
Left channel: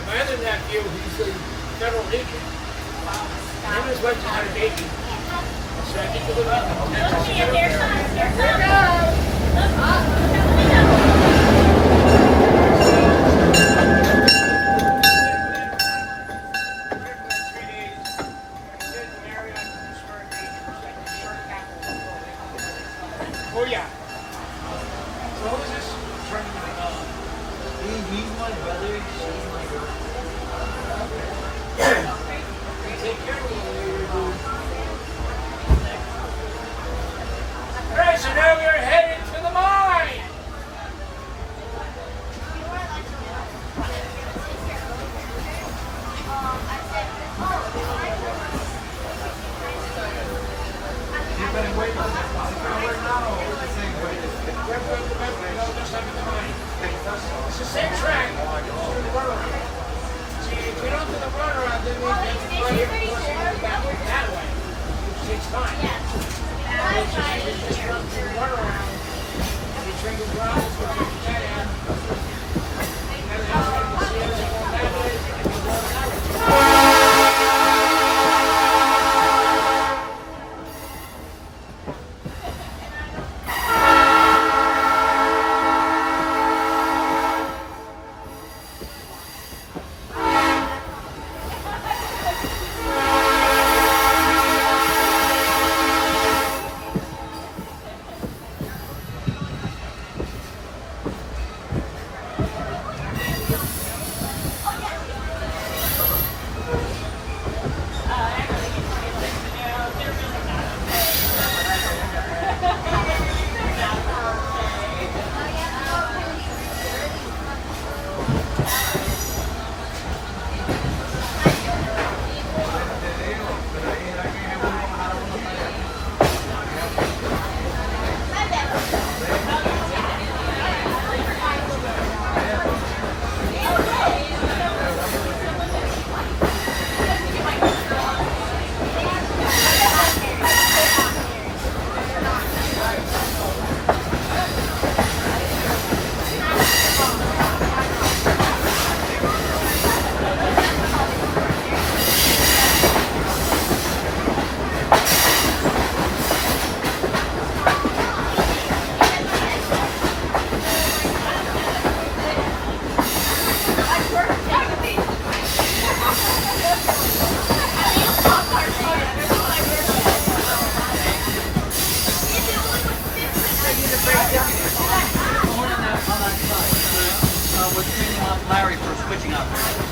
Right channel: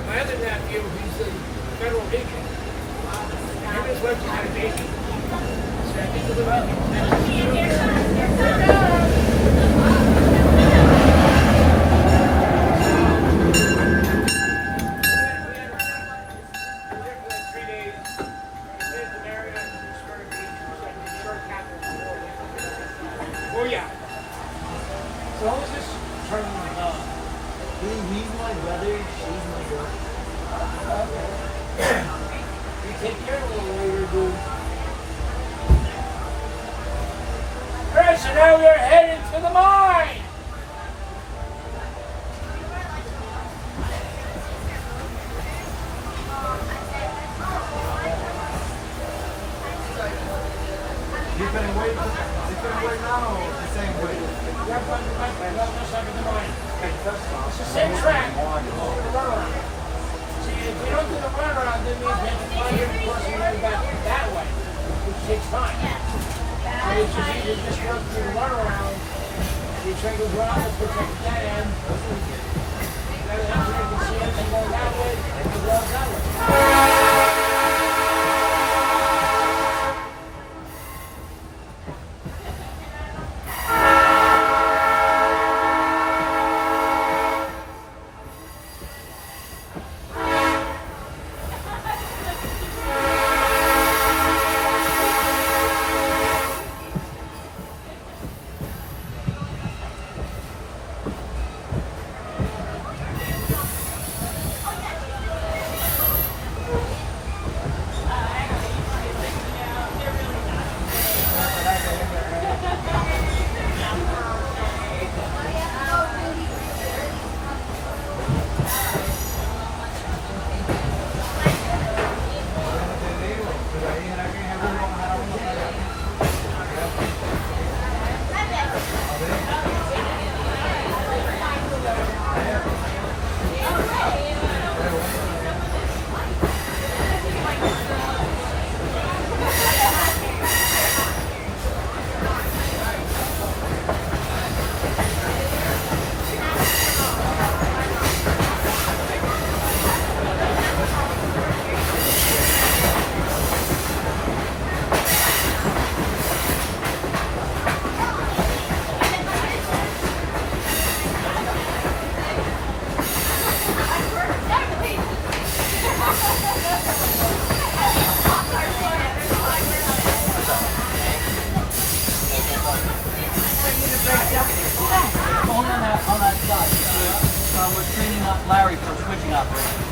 Imagine that if he's a federal agent. And his wife is an agent. So I think we're Oh yeah. So what was this turning? He's my brother, she's my daughter. We take your little later, dude. Alright, so now we're heading to the mine. You can wait. The same way. It's the same track. See, if we don't do the runaround, then we have to fly here across the river back that way, which takes time. But it's just easy to just run through the runaround. We turn the ground, let's go check that end. Then we have to see us and go that way, and we go that way. between Larry for switching operation.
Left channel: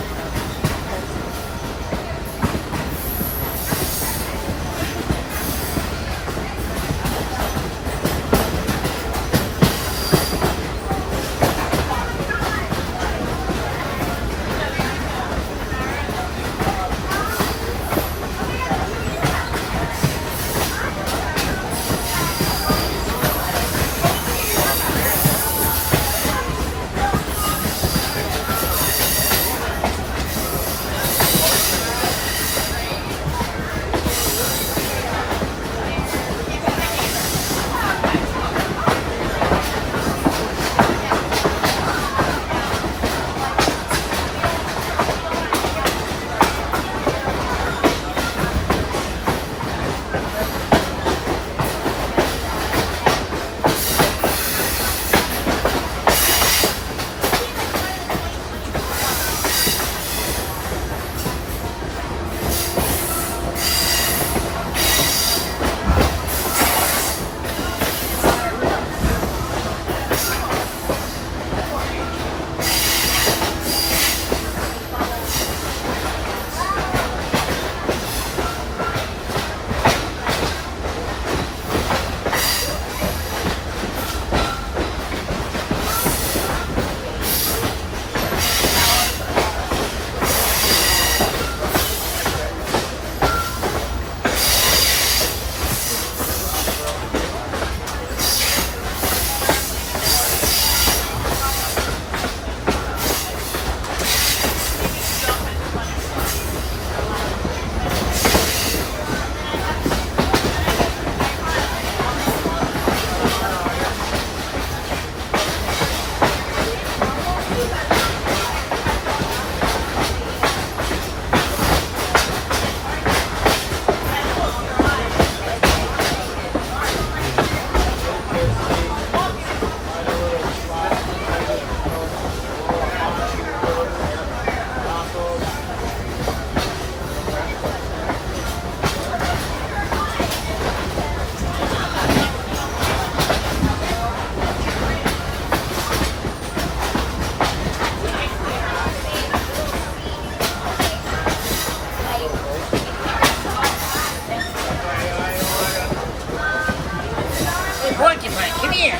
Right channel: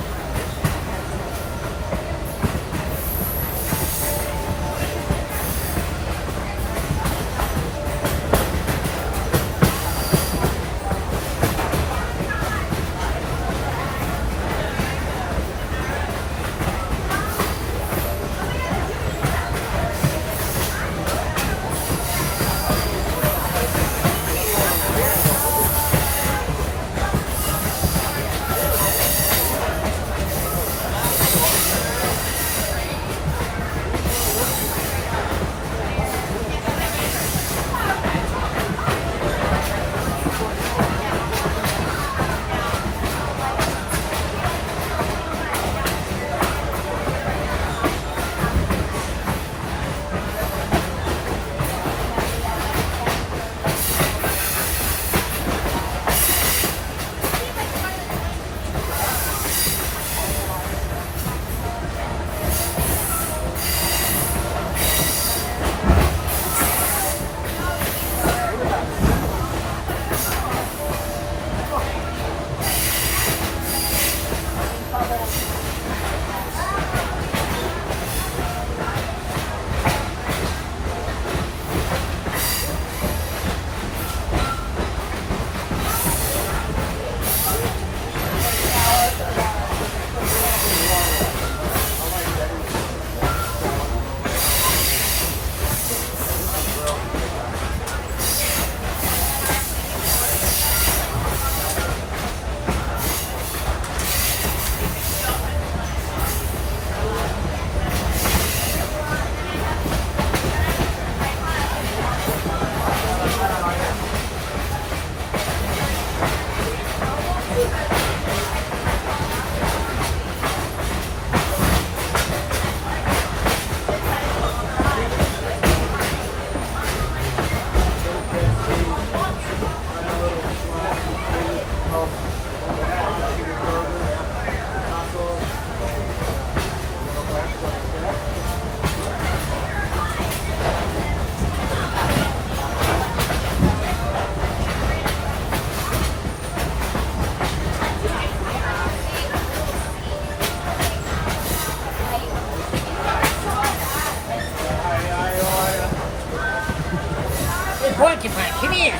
Porcupine, come here.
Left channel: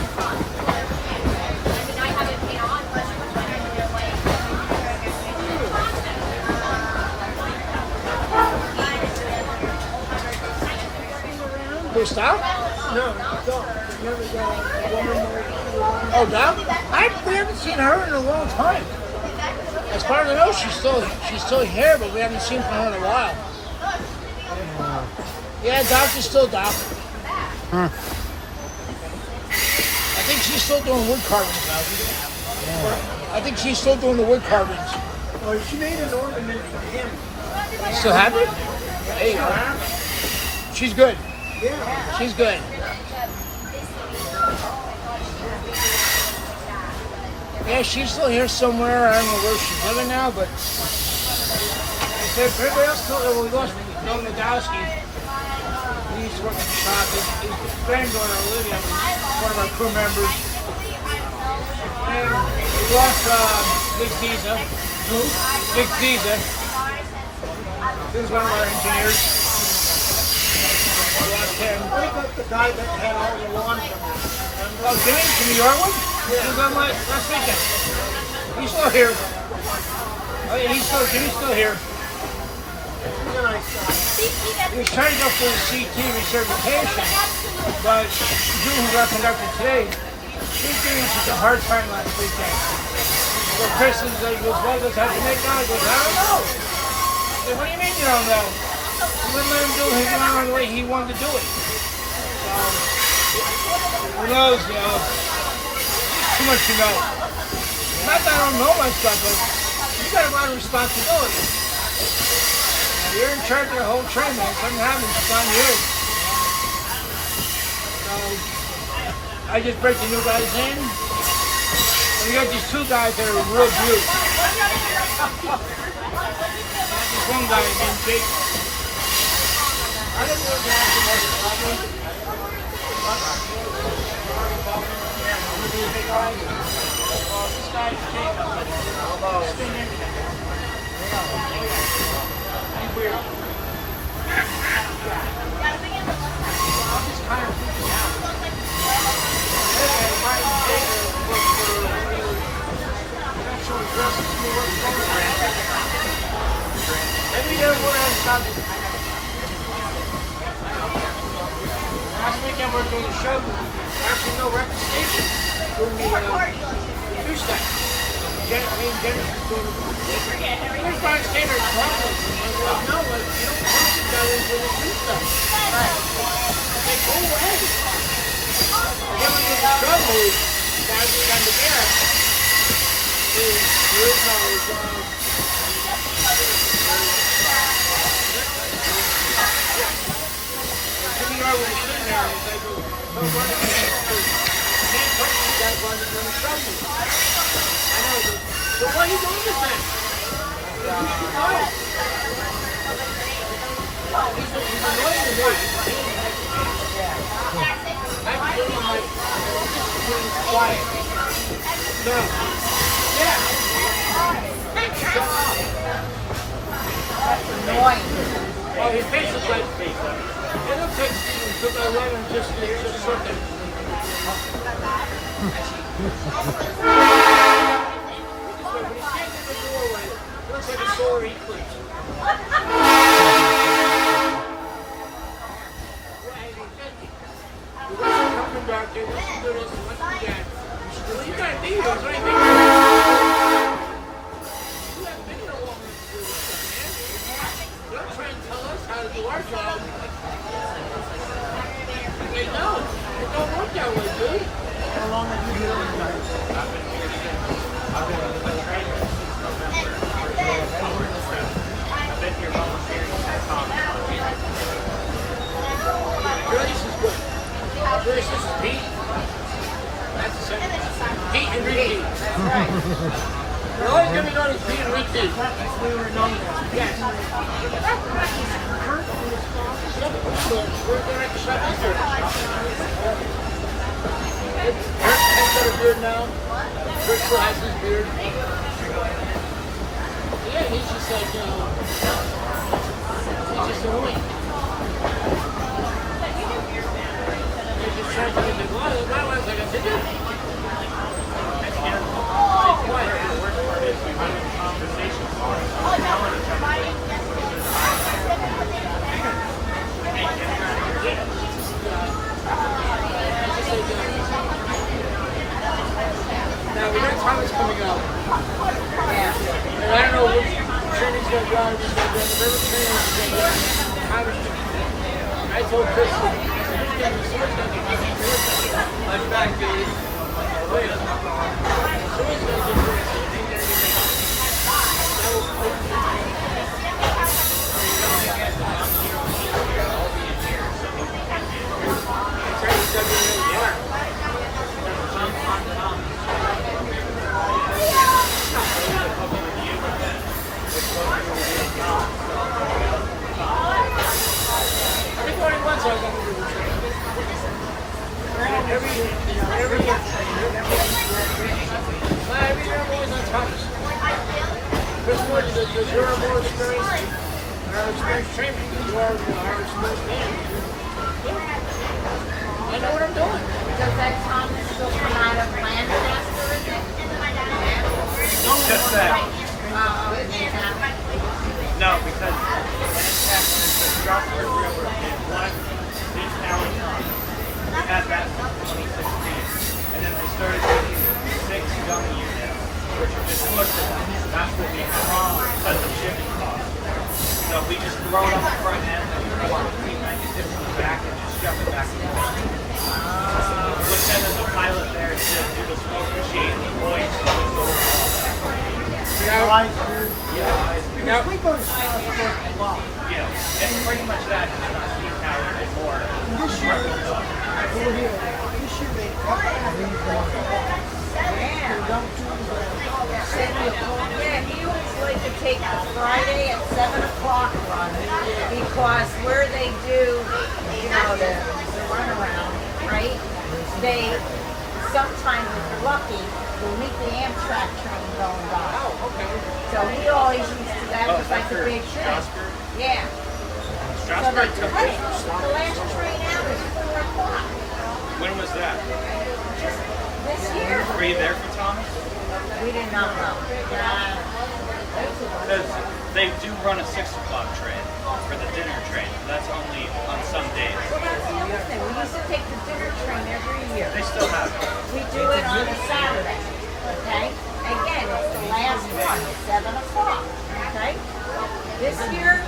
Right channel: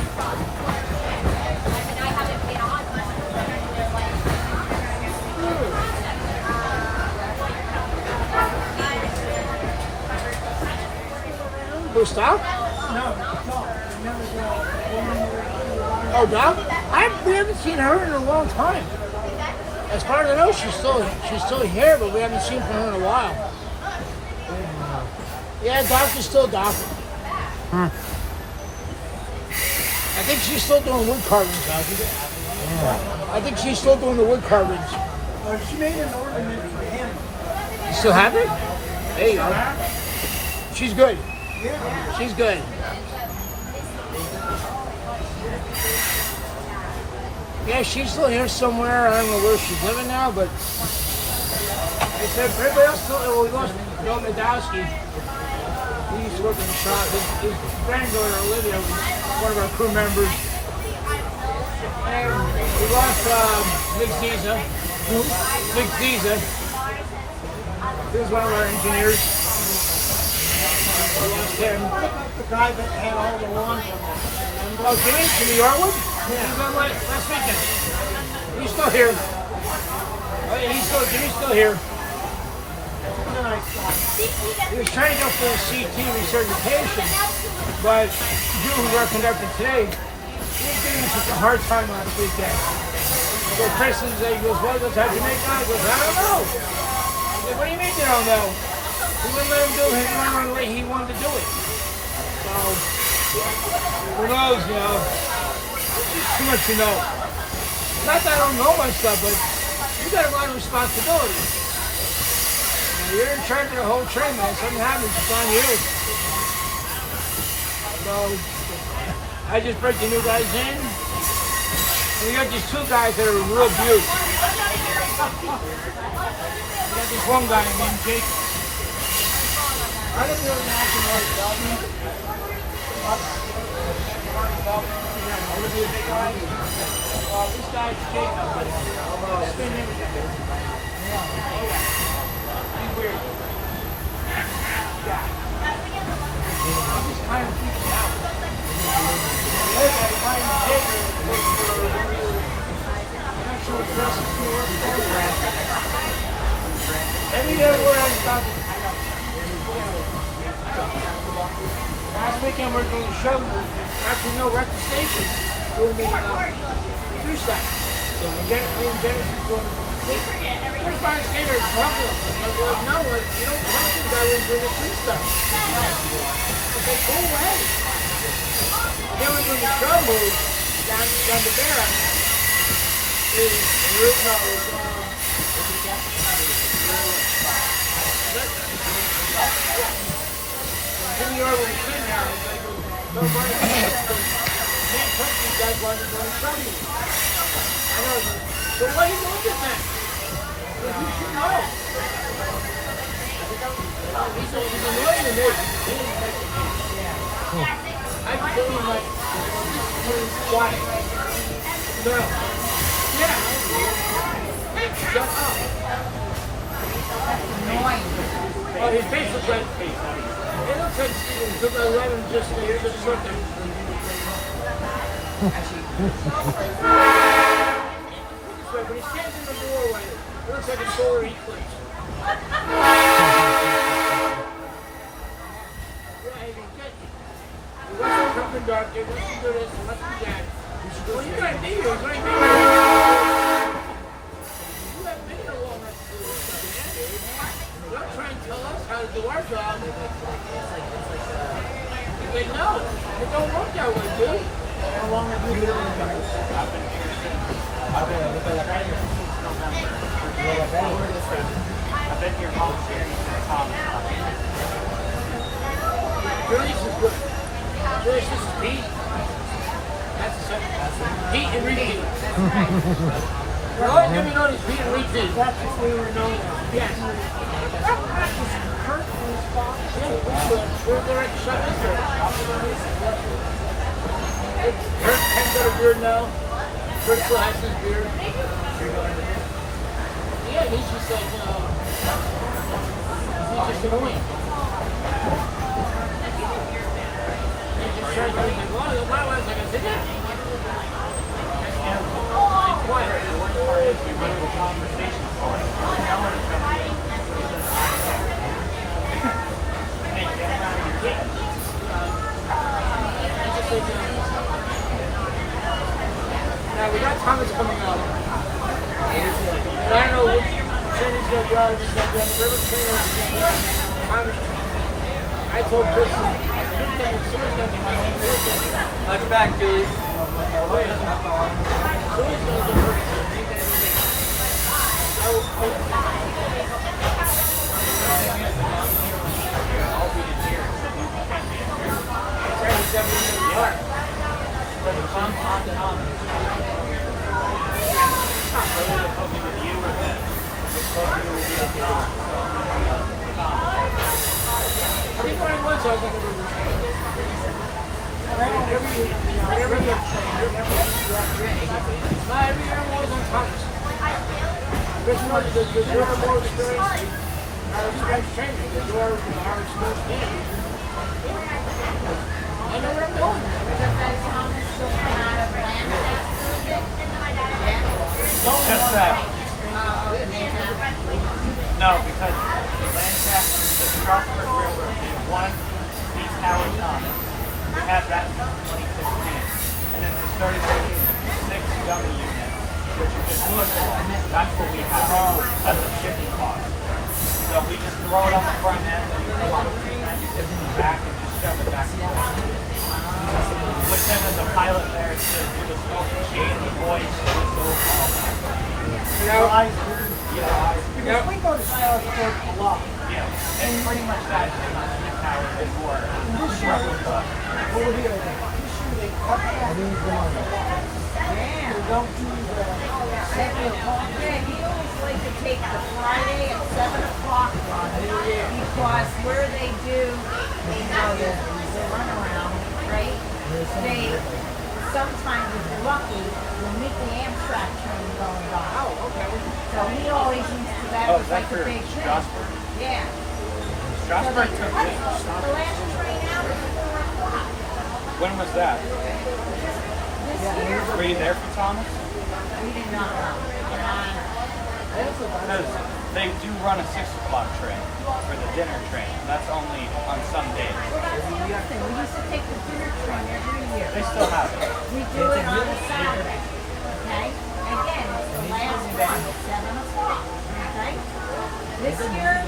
Who's Doc? No, Doc. Oh, Doc? We haven't seen her in a long time. As far as I know, she's still here, but we haven't seen from her in a while. Yeah, Doc is still Doc. Huh. I think she's still doing wood carvings out here. Yeah. I think she's still doing the wood carvings. Oh, she made an ornament for him. You still have it? Hey, she's good. Yeah. She's good. Yeah, she's still here somewhere. I don't know where she's living now, but I said, everybody else still, we lost Bill Nadowski. He used to work in the shop. His granddaughter, Olivia, was one of our crew members. And we lost Big Ziza. Who? Big Ziza. He was one of our engineers. We lost him. What about the guy that had all the lawn from us? Oh, Jimmy Yorkwood? Yeah. He was on last weekend. He's still here. Oh, yeah, Jimmy's still here. He was trying to go for his CT recertification, but the people who got conducted today, he was giving such a hard time last weekend. So Chris is like, goes, well, that's how you make it. I goes, I don't know. I said, what do you mean you don't know? He wouldn't let him do it. He went on the way he wanted to do it. So, who knows, you know? There's too much to know. Not that I don't know my stuff, but you got a lot of responsibility. You're in charge of the whole train, man. Something happens, it's on you. So, I just bring the new guys in. And we got these two guys that are real beaut. We got this one guy named Jake. I don't know if that's the Oh, this guy's Jacob, but he's been in there. Oh, yeah. He's weird. Yeah. I'm just kind of freaking out. The other guy, Brian Taylor, worked for professional justice here. Every other word has got this. Last weekend we were doing a show move. Actually, no record station. Doing me Tuesday. Jenny was doing there's Brian Taylor talking. I was like, no, like, you don't talk to the guy when you're doing the Tuesday. I said, go away. Then we're doing the show move down to there. Jimmy Yard was sitting there and he's like, oh, Brian, can't touch these guys while they're doing the show move. I know. So why are you doing this then? You should know. He's annoying to me. I told him, like, just being quiet. No. Yeah. Shut up. Annoying. Oh, his face is like, it looks like he took a letter and just something. When he stands in the doorway, it looks like a solar eclipse. He wants to come from dark, he wants to do this, he wants to do that. Well, you got videos, right? You have video all right to do this stuff, man. Don't try and tell us how to do our job. They know. It don't work that way, dude. How long have you been doing this? I've been here volunteering for Tom. Julius is good. Julius, this is Pete. That's the second. Pete and repeat. We're always going to be known as Pete and repeat. That's what we were known as. Yes. Kurt and his father. They're at the shop. Kurt has got a beard now. Kurt still has his beard. Yeah, he's just like, you know, he's just annoying. He's just trying to think, why was I like, did that? It's quiet. The worst part is we went to conversations. Now we got Thomas coming up. And I don't know which train he's going to drive. He's going to drive the river train or he's going to drive Thomas. I told Chris, someone's going to be my back, dude. Someone's going to get first. I will post it. I'll be in here. It's actually going to be in the car. Everybody wants us on the river train. Every year I'm always on top of something. Christmas, the durable experience, our experience training, that's why our experience training. I know what I'm doing. Does that Thomas still come out of Lancaster? Just that. No, because Lancaster, the Delaware River is one big town. They had that, and then they started making 6 young units, which are just local. That's what we have because of shipping costs. So we just throw it on the front end, and we it in the back, and just shove it back in the back. Which then there's a pilot there to do the smoke machine, the voice, We go to Strasburg a lot. Yeah, it's pretty much that speed power and more. This year they cut that a lot. They don't do the 7 o'clock. Yeah, he always like to take the Friday at 7 o'clock on because where they do, you know, the runaround, right? They sometimes if you're lucky, you meet the Amtrak train going by. Oh, okay. So he always used to, that Oh, was is that like a for big thing. Strasburg? Yeah. Strasburg took the it. last train out is 4 o'clock. When was that? This year, Were you there for Thomas? we did not know. Because they do run a 6 o'clock train for the dinner train. That's only on some days. Well, that's the other thing. We used to take the dinner train every year. They still have it. We do it on a Saturday. Okay? Again, it's the last one, 7 o'clock. Okay? This year,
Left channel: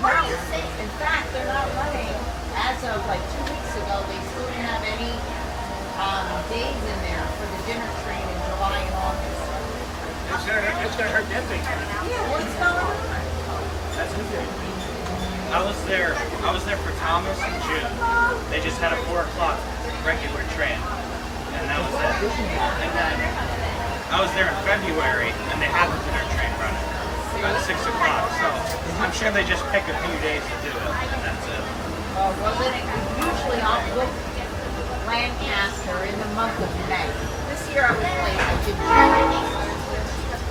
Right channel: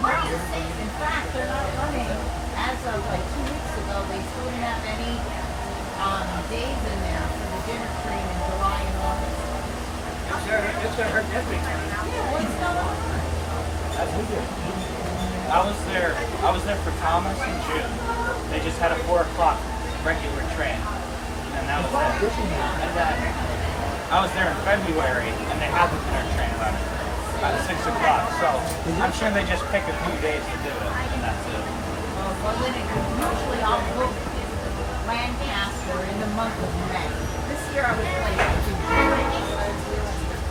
no. In fact, they're not running. As of like 2 weeks ago, they still didn't have any days in there for the dinner train in July and August. It's gonna hurt that big. Yeah, what's going on? That's who did. I was there for Thomas in June. They just had a 4 o'clock regular train. And that was it. And then I was there in February and they had the dinner train running at 6 o'clock. So I'm sure they just pick a few days to do it and that's it. Well, then usually I'll book Lancaster in the month of May. This year I was late in June.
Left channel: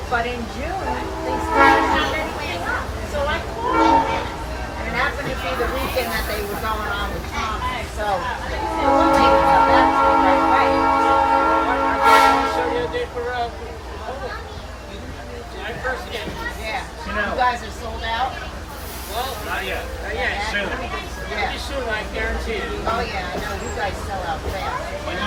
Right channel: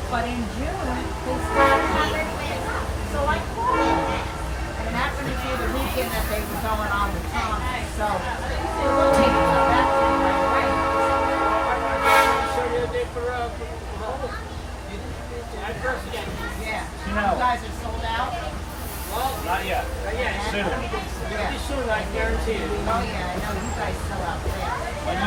But in June, they still didn't have anything up. So I called them. And it happened to be the weekend that they were going on with Thomas. So we'll take that to the right way. I showed you the other day for July 1st again. Yeah. You know- guys are sold out? Well, Not yet. yeah, Soon. Yeah. pretty soon, I guarantee you. Oh yeah, I know you guys sell out fast. When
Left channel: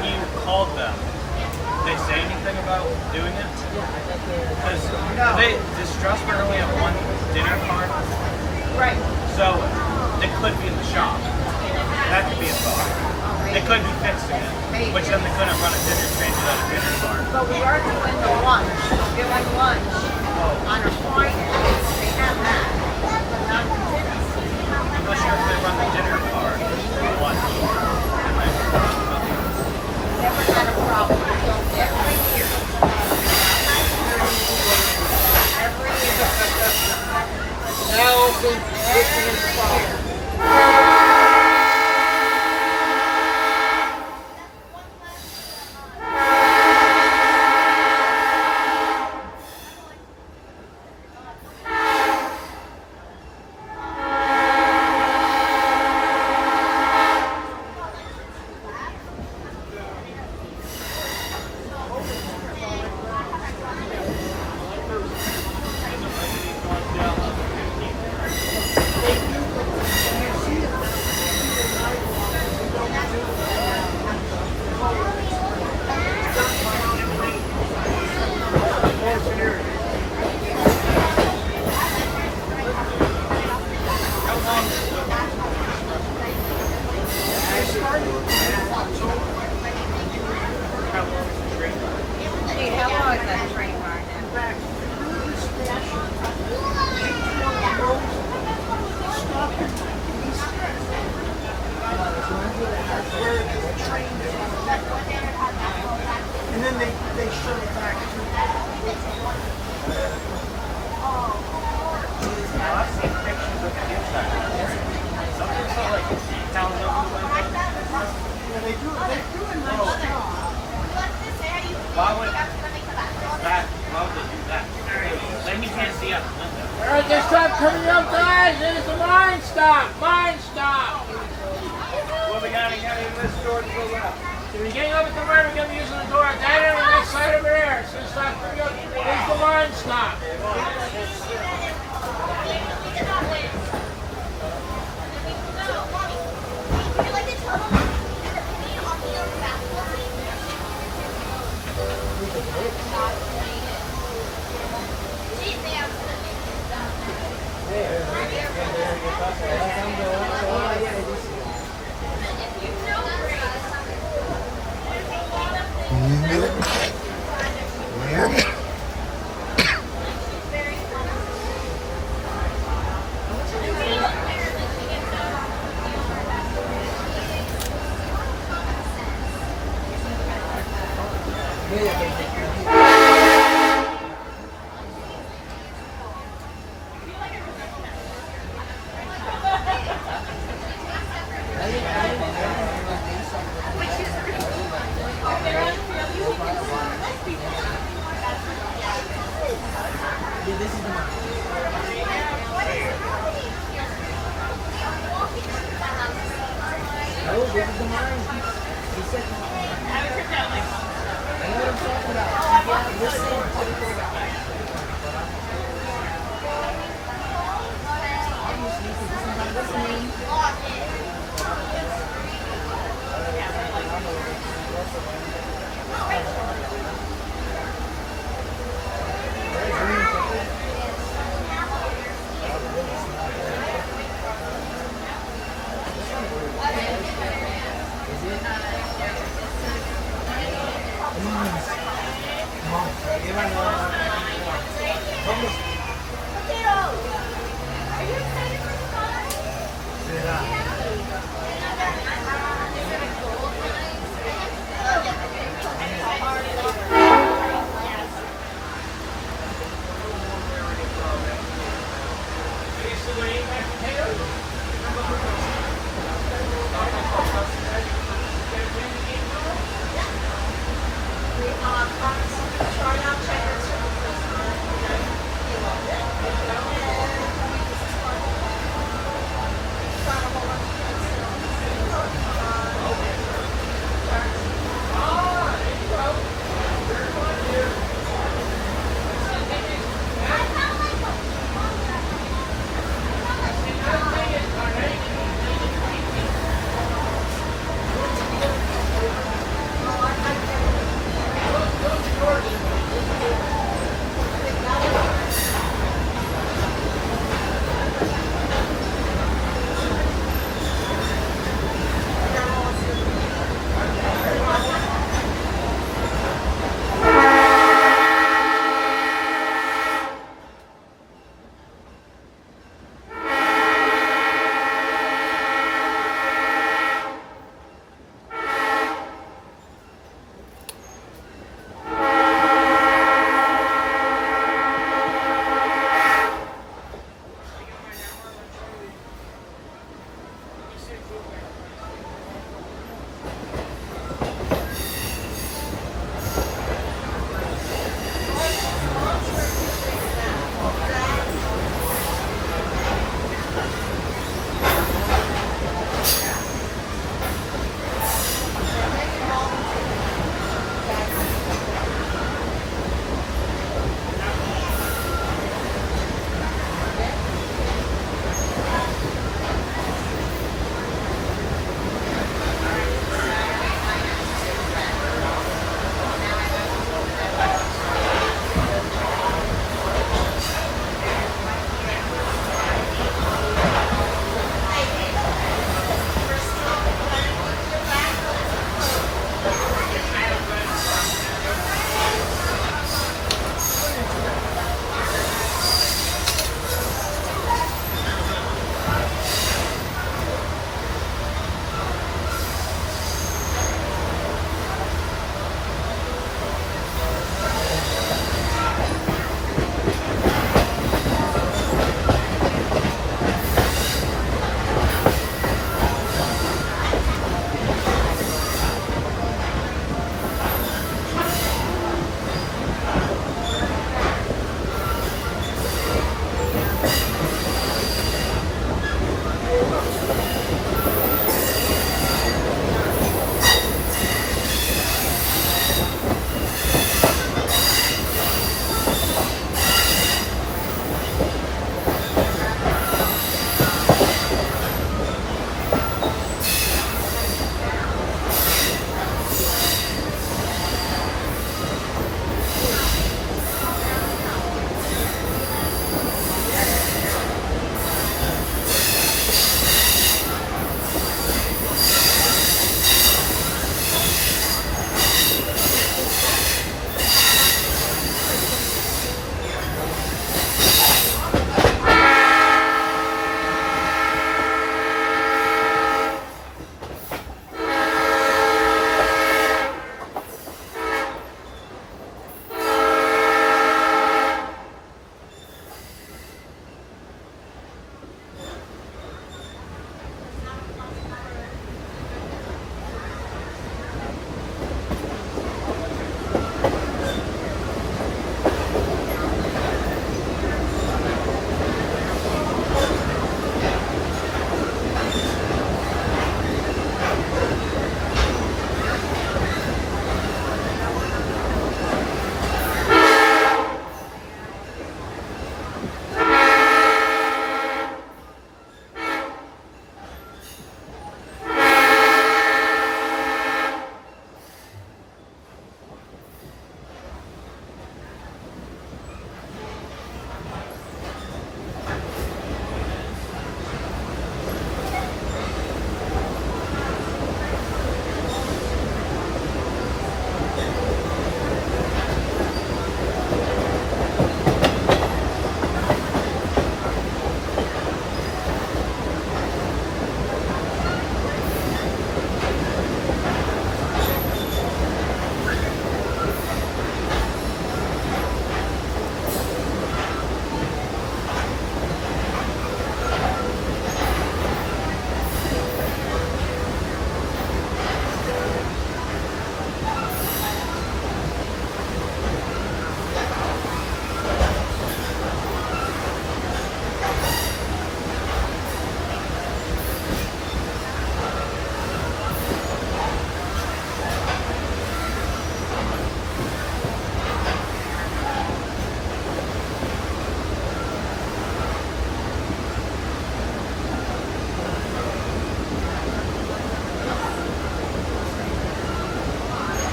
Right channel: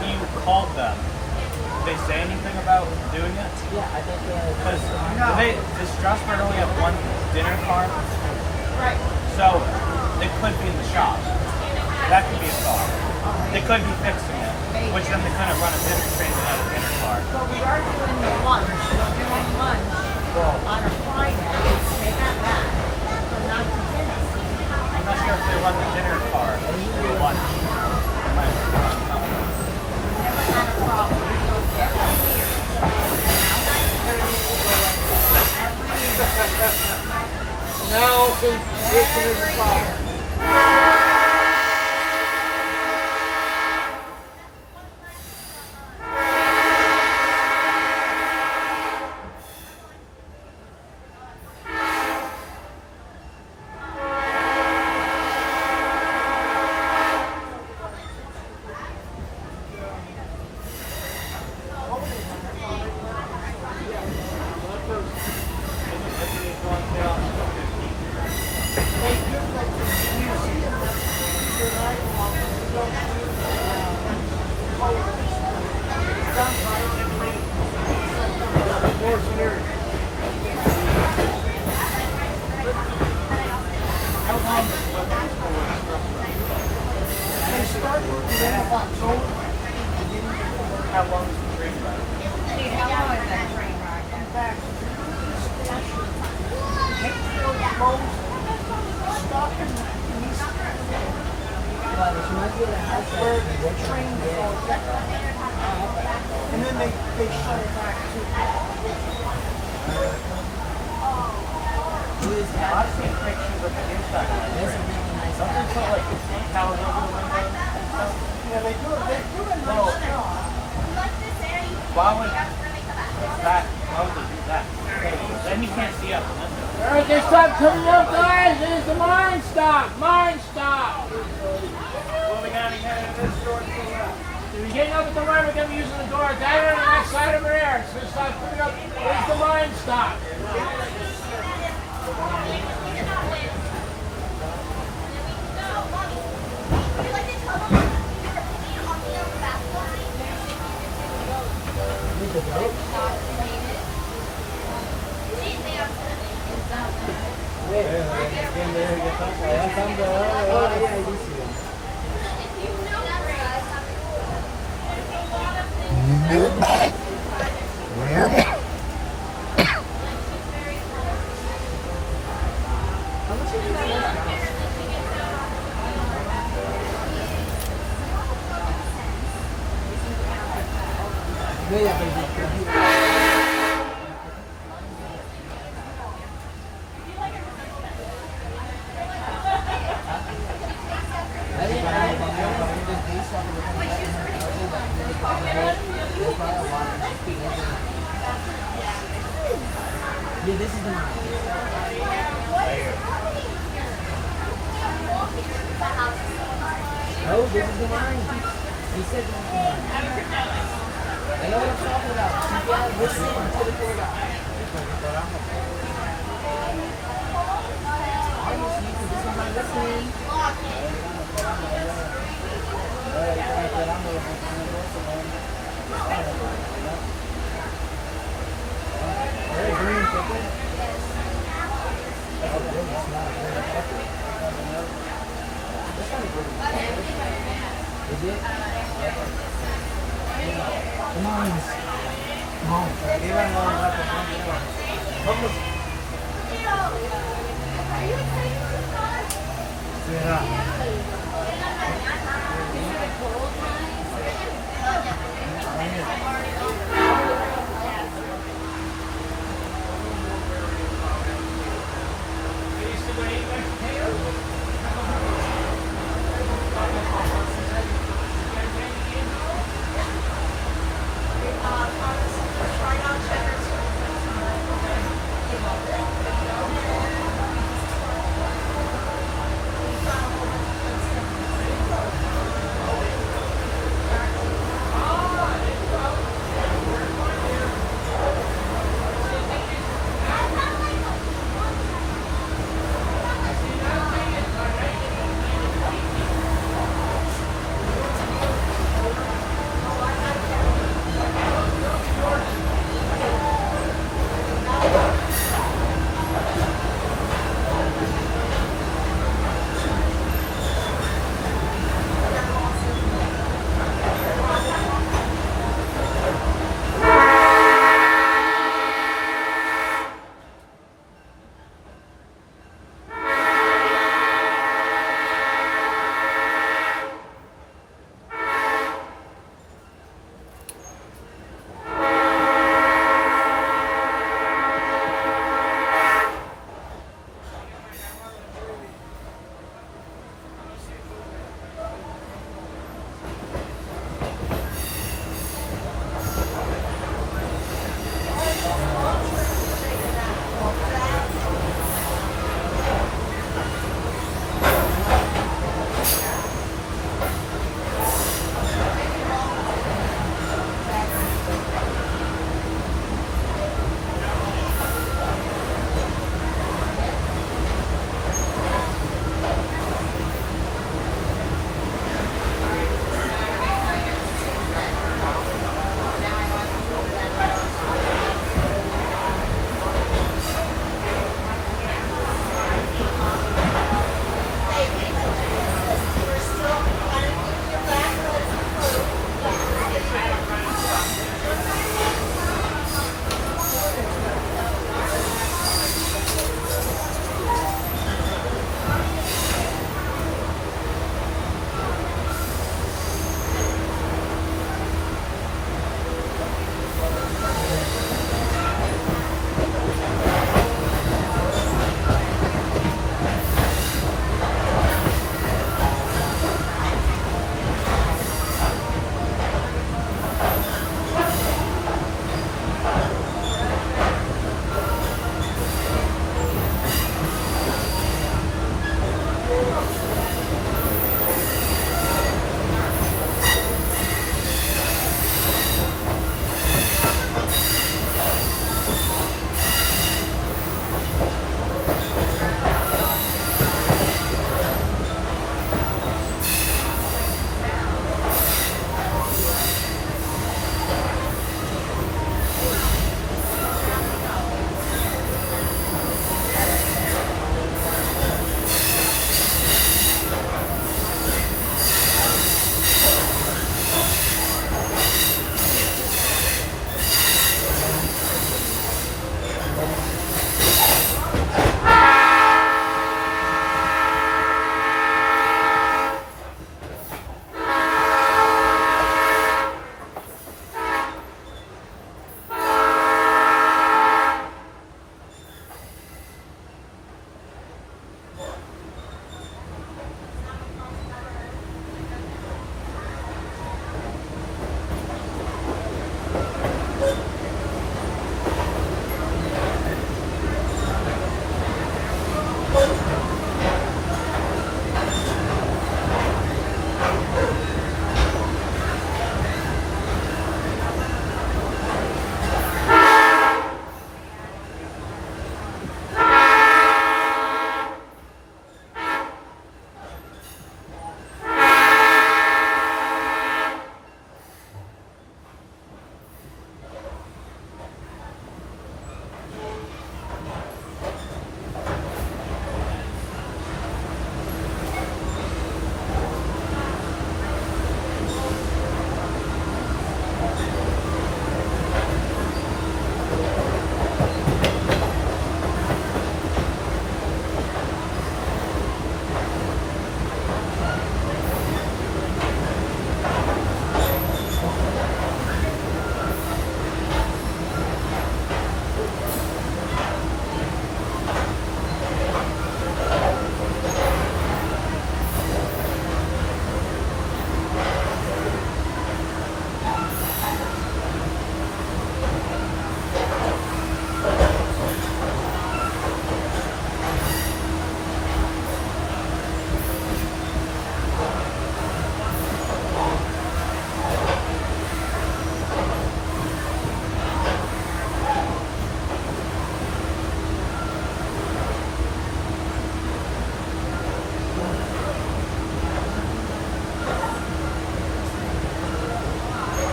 you called them, did they say anything about doing it? Because does Strasburg only have one dinner car? Right. So it could be in the shop. That could be a thought. They could be fixing it, which then they couldn't run a dinner train without a dinner car. But we are doing the lunch. Doing lunch Well, on a Friday. They have that. Not the dinner. I'm not sure if they run the dinner car for lunch. They might have to run something. Never had a problem. We don't get every year. Every year. Now, this is the problem. Wait, how long is that train ride? That's where the train goes. And then they shut it back to. I've seen pictures of the inside. Something so like cows over the window. Yeah, they do a nice job. Why would they do that? Then you can't see out the window. All right, this time coming up, guys, is the mine stop. Mine stop. Well, we gotta get in this door to pull it up. So you're getting up at the right, we're going to be using the door down on the next side over there. So start picking up. Here's the mine stop. Yeah, this is the one. Oh, this is the one. He said the one. I know what I'm talking about. Yeah, listen to the program. Obviously, because this is not listening. Is it? Come on. Come on.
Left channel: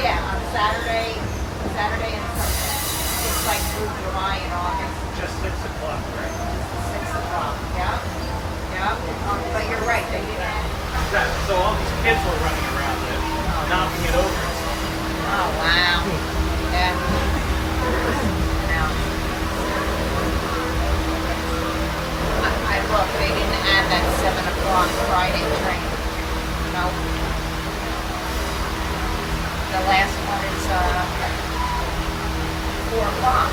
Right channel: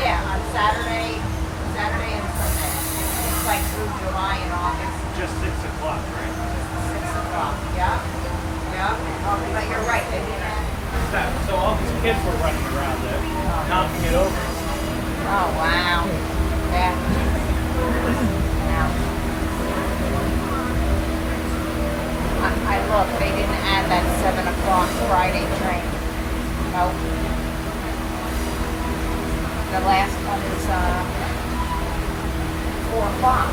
Yeah, on Saturday and Sunday. It's like through July and August. Just 6 o'clock, right? 6 o'clock. Yep. Yep. But you're right, they didn't. So all these kids were running around there, knocking it over. Oh, wow. Yeah. I look, they didn't add that 7 o'clock Friday train. Nope. The last one is 4 o'clock.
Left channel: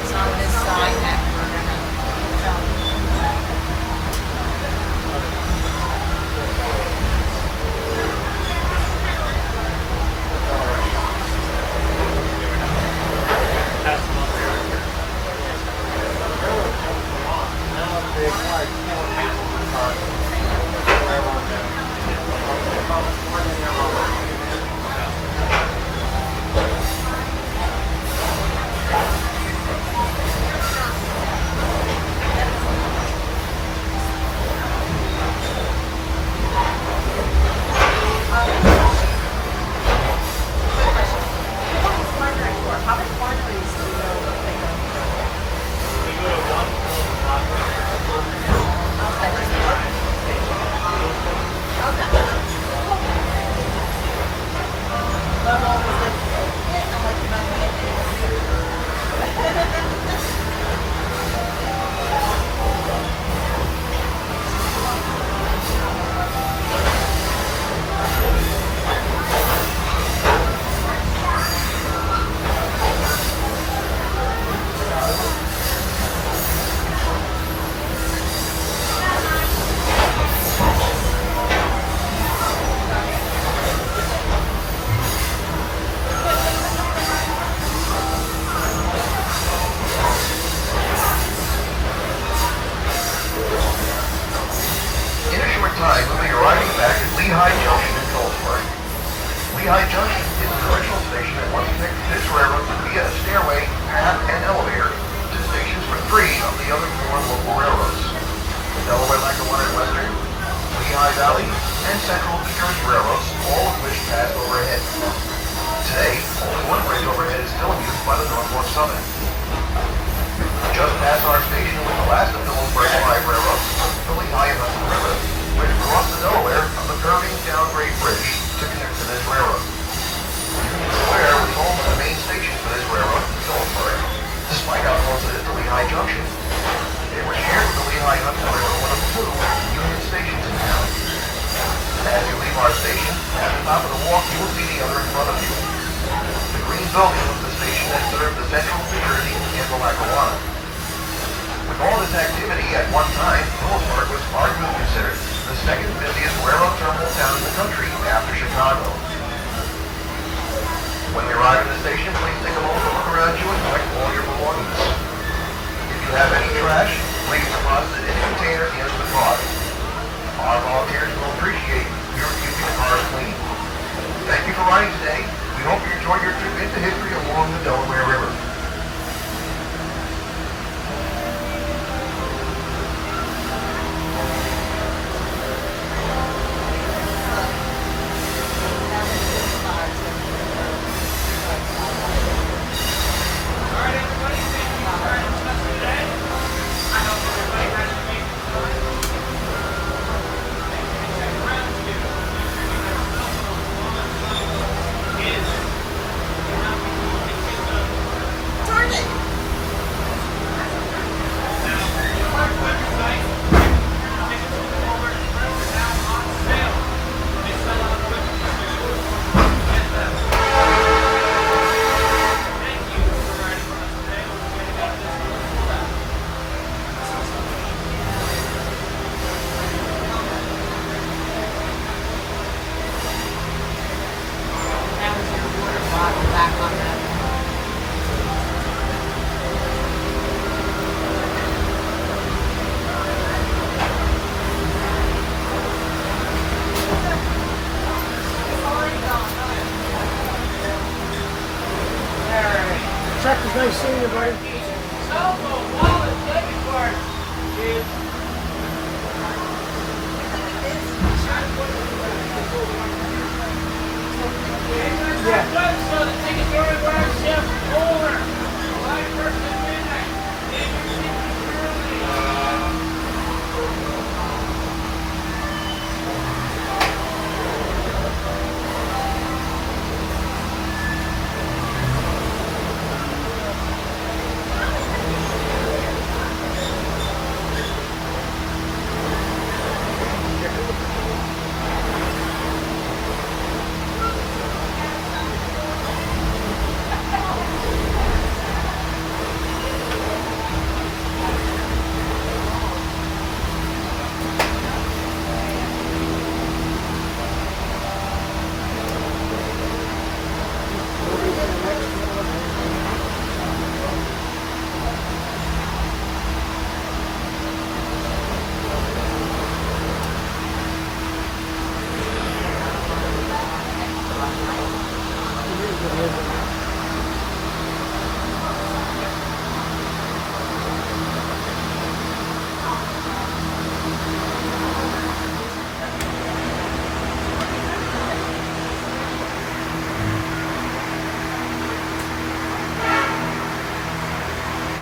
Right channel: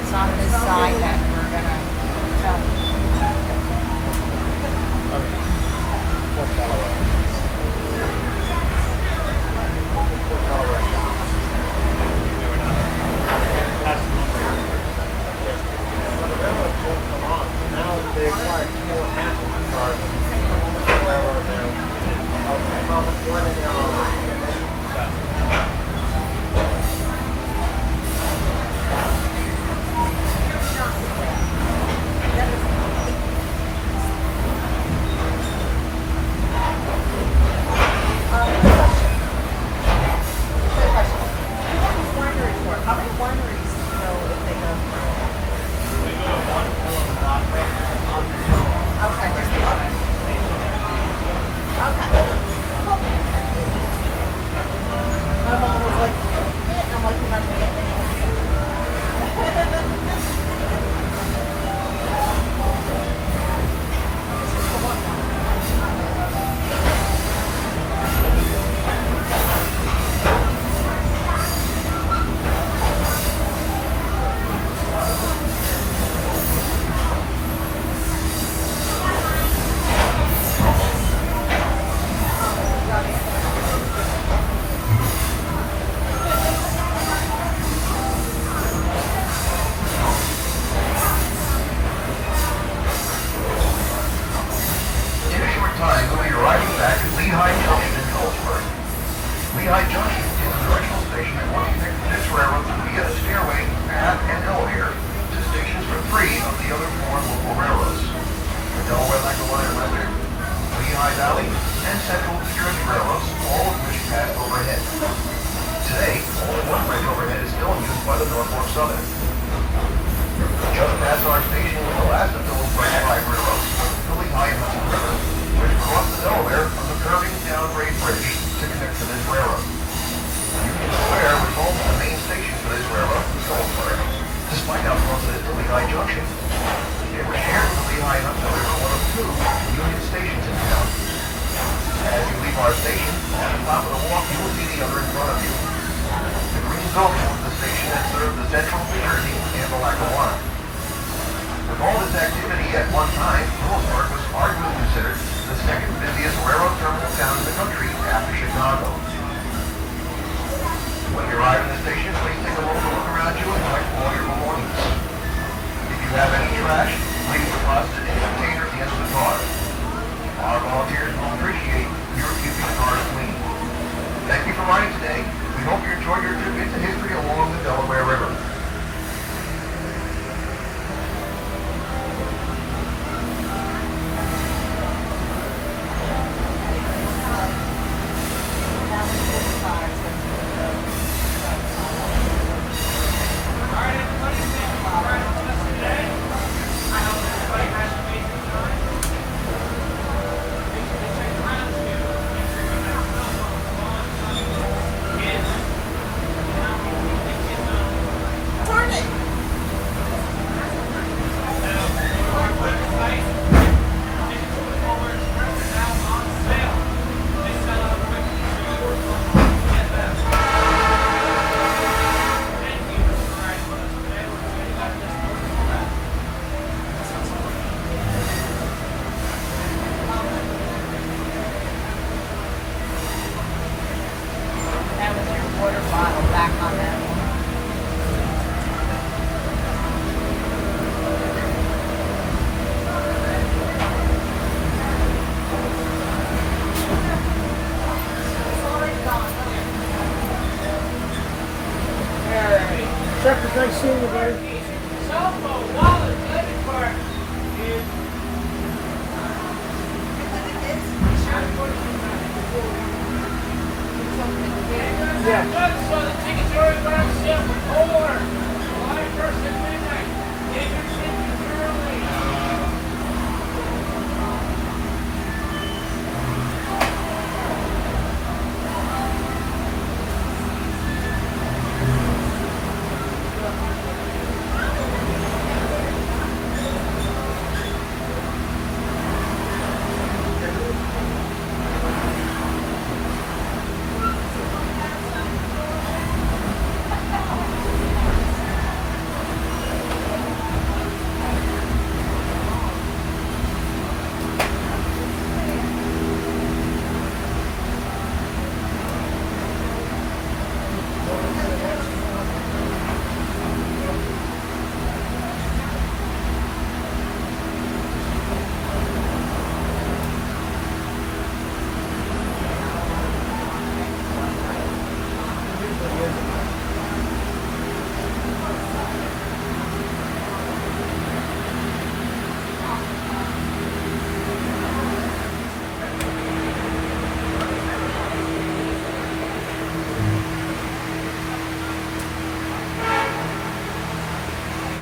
It's on this slide that we're gonna In a short time, we'll be arriving back at Lehigh Junction in Phillipsburg. Lehigh Junction is the original station that once connected this railroad via a stairway, path, and elevator to stations for 3 of the other 4 local railroads. The Delaware River and Western, Lehigh Valley, and Central New Jersey railroads, all of which passed overhead. Today, only one bridge overhead is still used by the Norfolk Southern. Just past our station was the last of Phillipsburg's 5 railroads, the Lehigh and Hudson River, which crossed the Delaware on the curving downgrade bridge to connect to this railroad. Union Square was home to the main station for this railroad in Phillipsburg. Despite how close it is to Lehigh Junction, it was shared with the Lehigh and Hudson River, one of 2 Union stations in town. As you leave our station, at the top of the walk, you will see the other in front of you. The green building is the station that served the Central New Jersey and the Lackawanna. With all this activity at one time, Phillipsburg was arguably considered the second busiest railroad terminal town in the country after Chicago. When you arrive at the station, please take a moment to look around you and collect all your belongings. If you have any trash, please deposit it in a container at the end of the car. Our volunteers will appreciate your keeping your cars clean. Thank you for riding today. We hope you enjoy your trip into history along the Delaware River.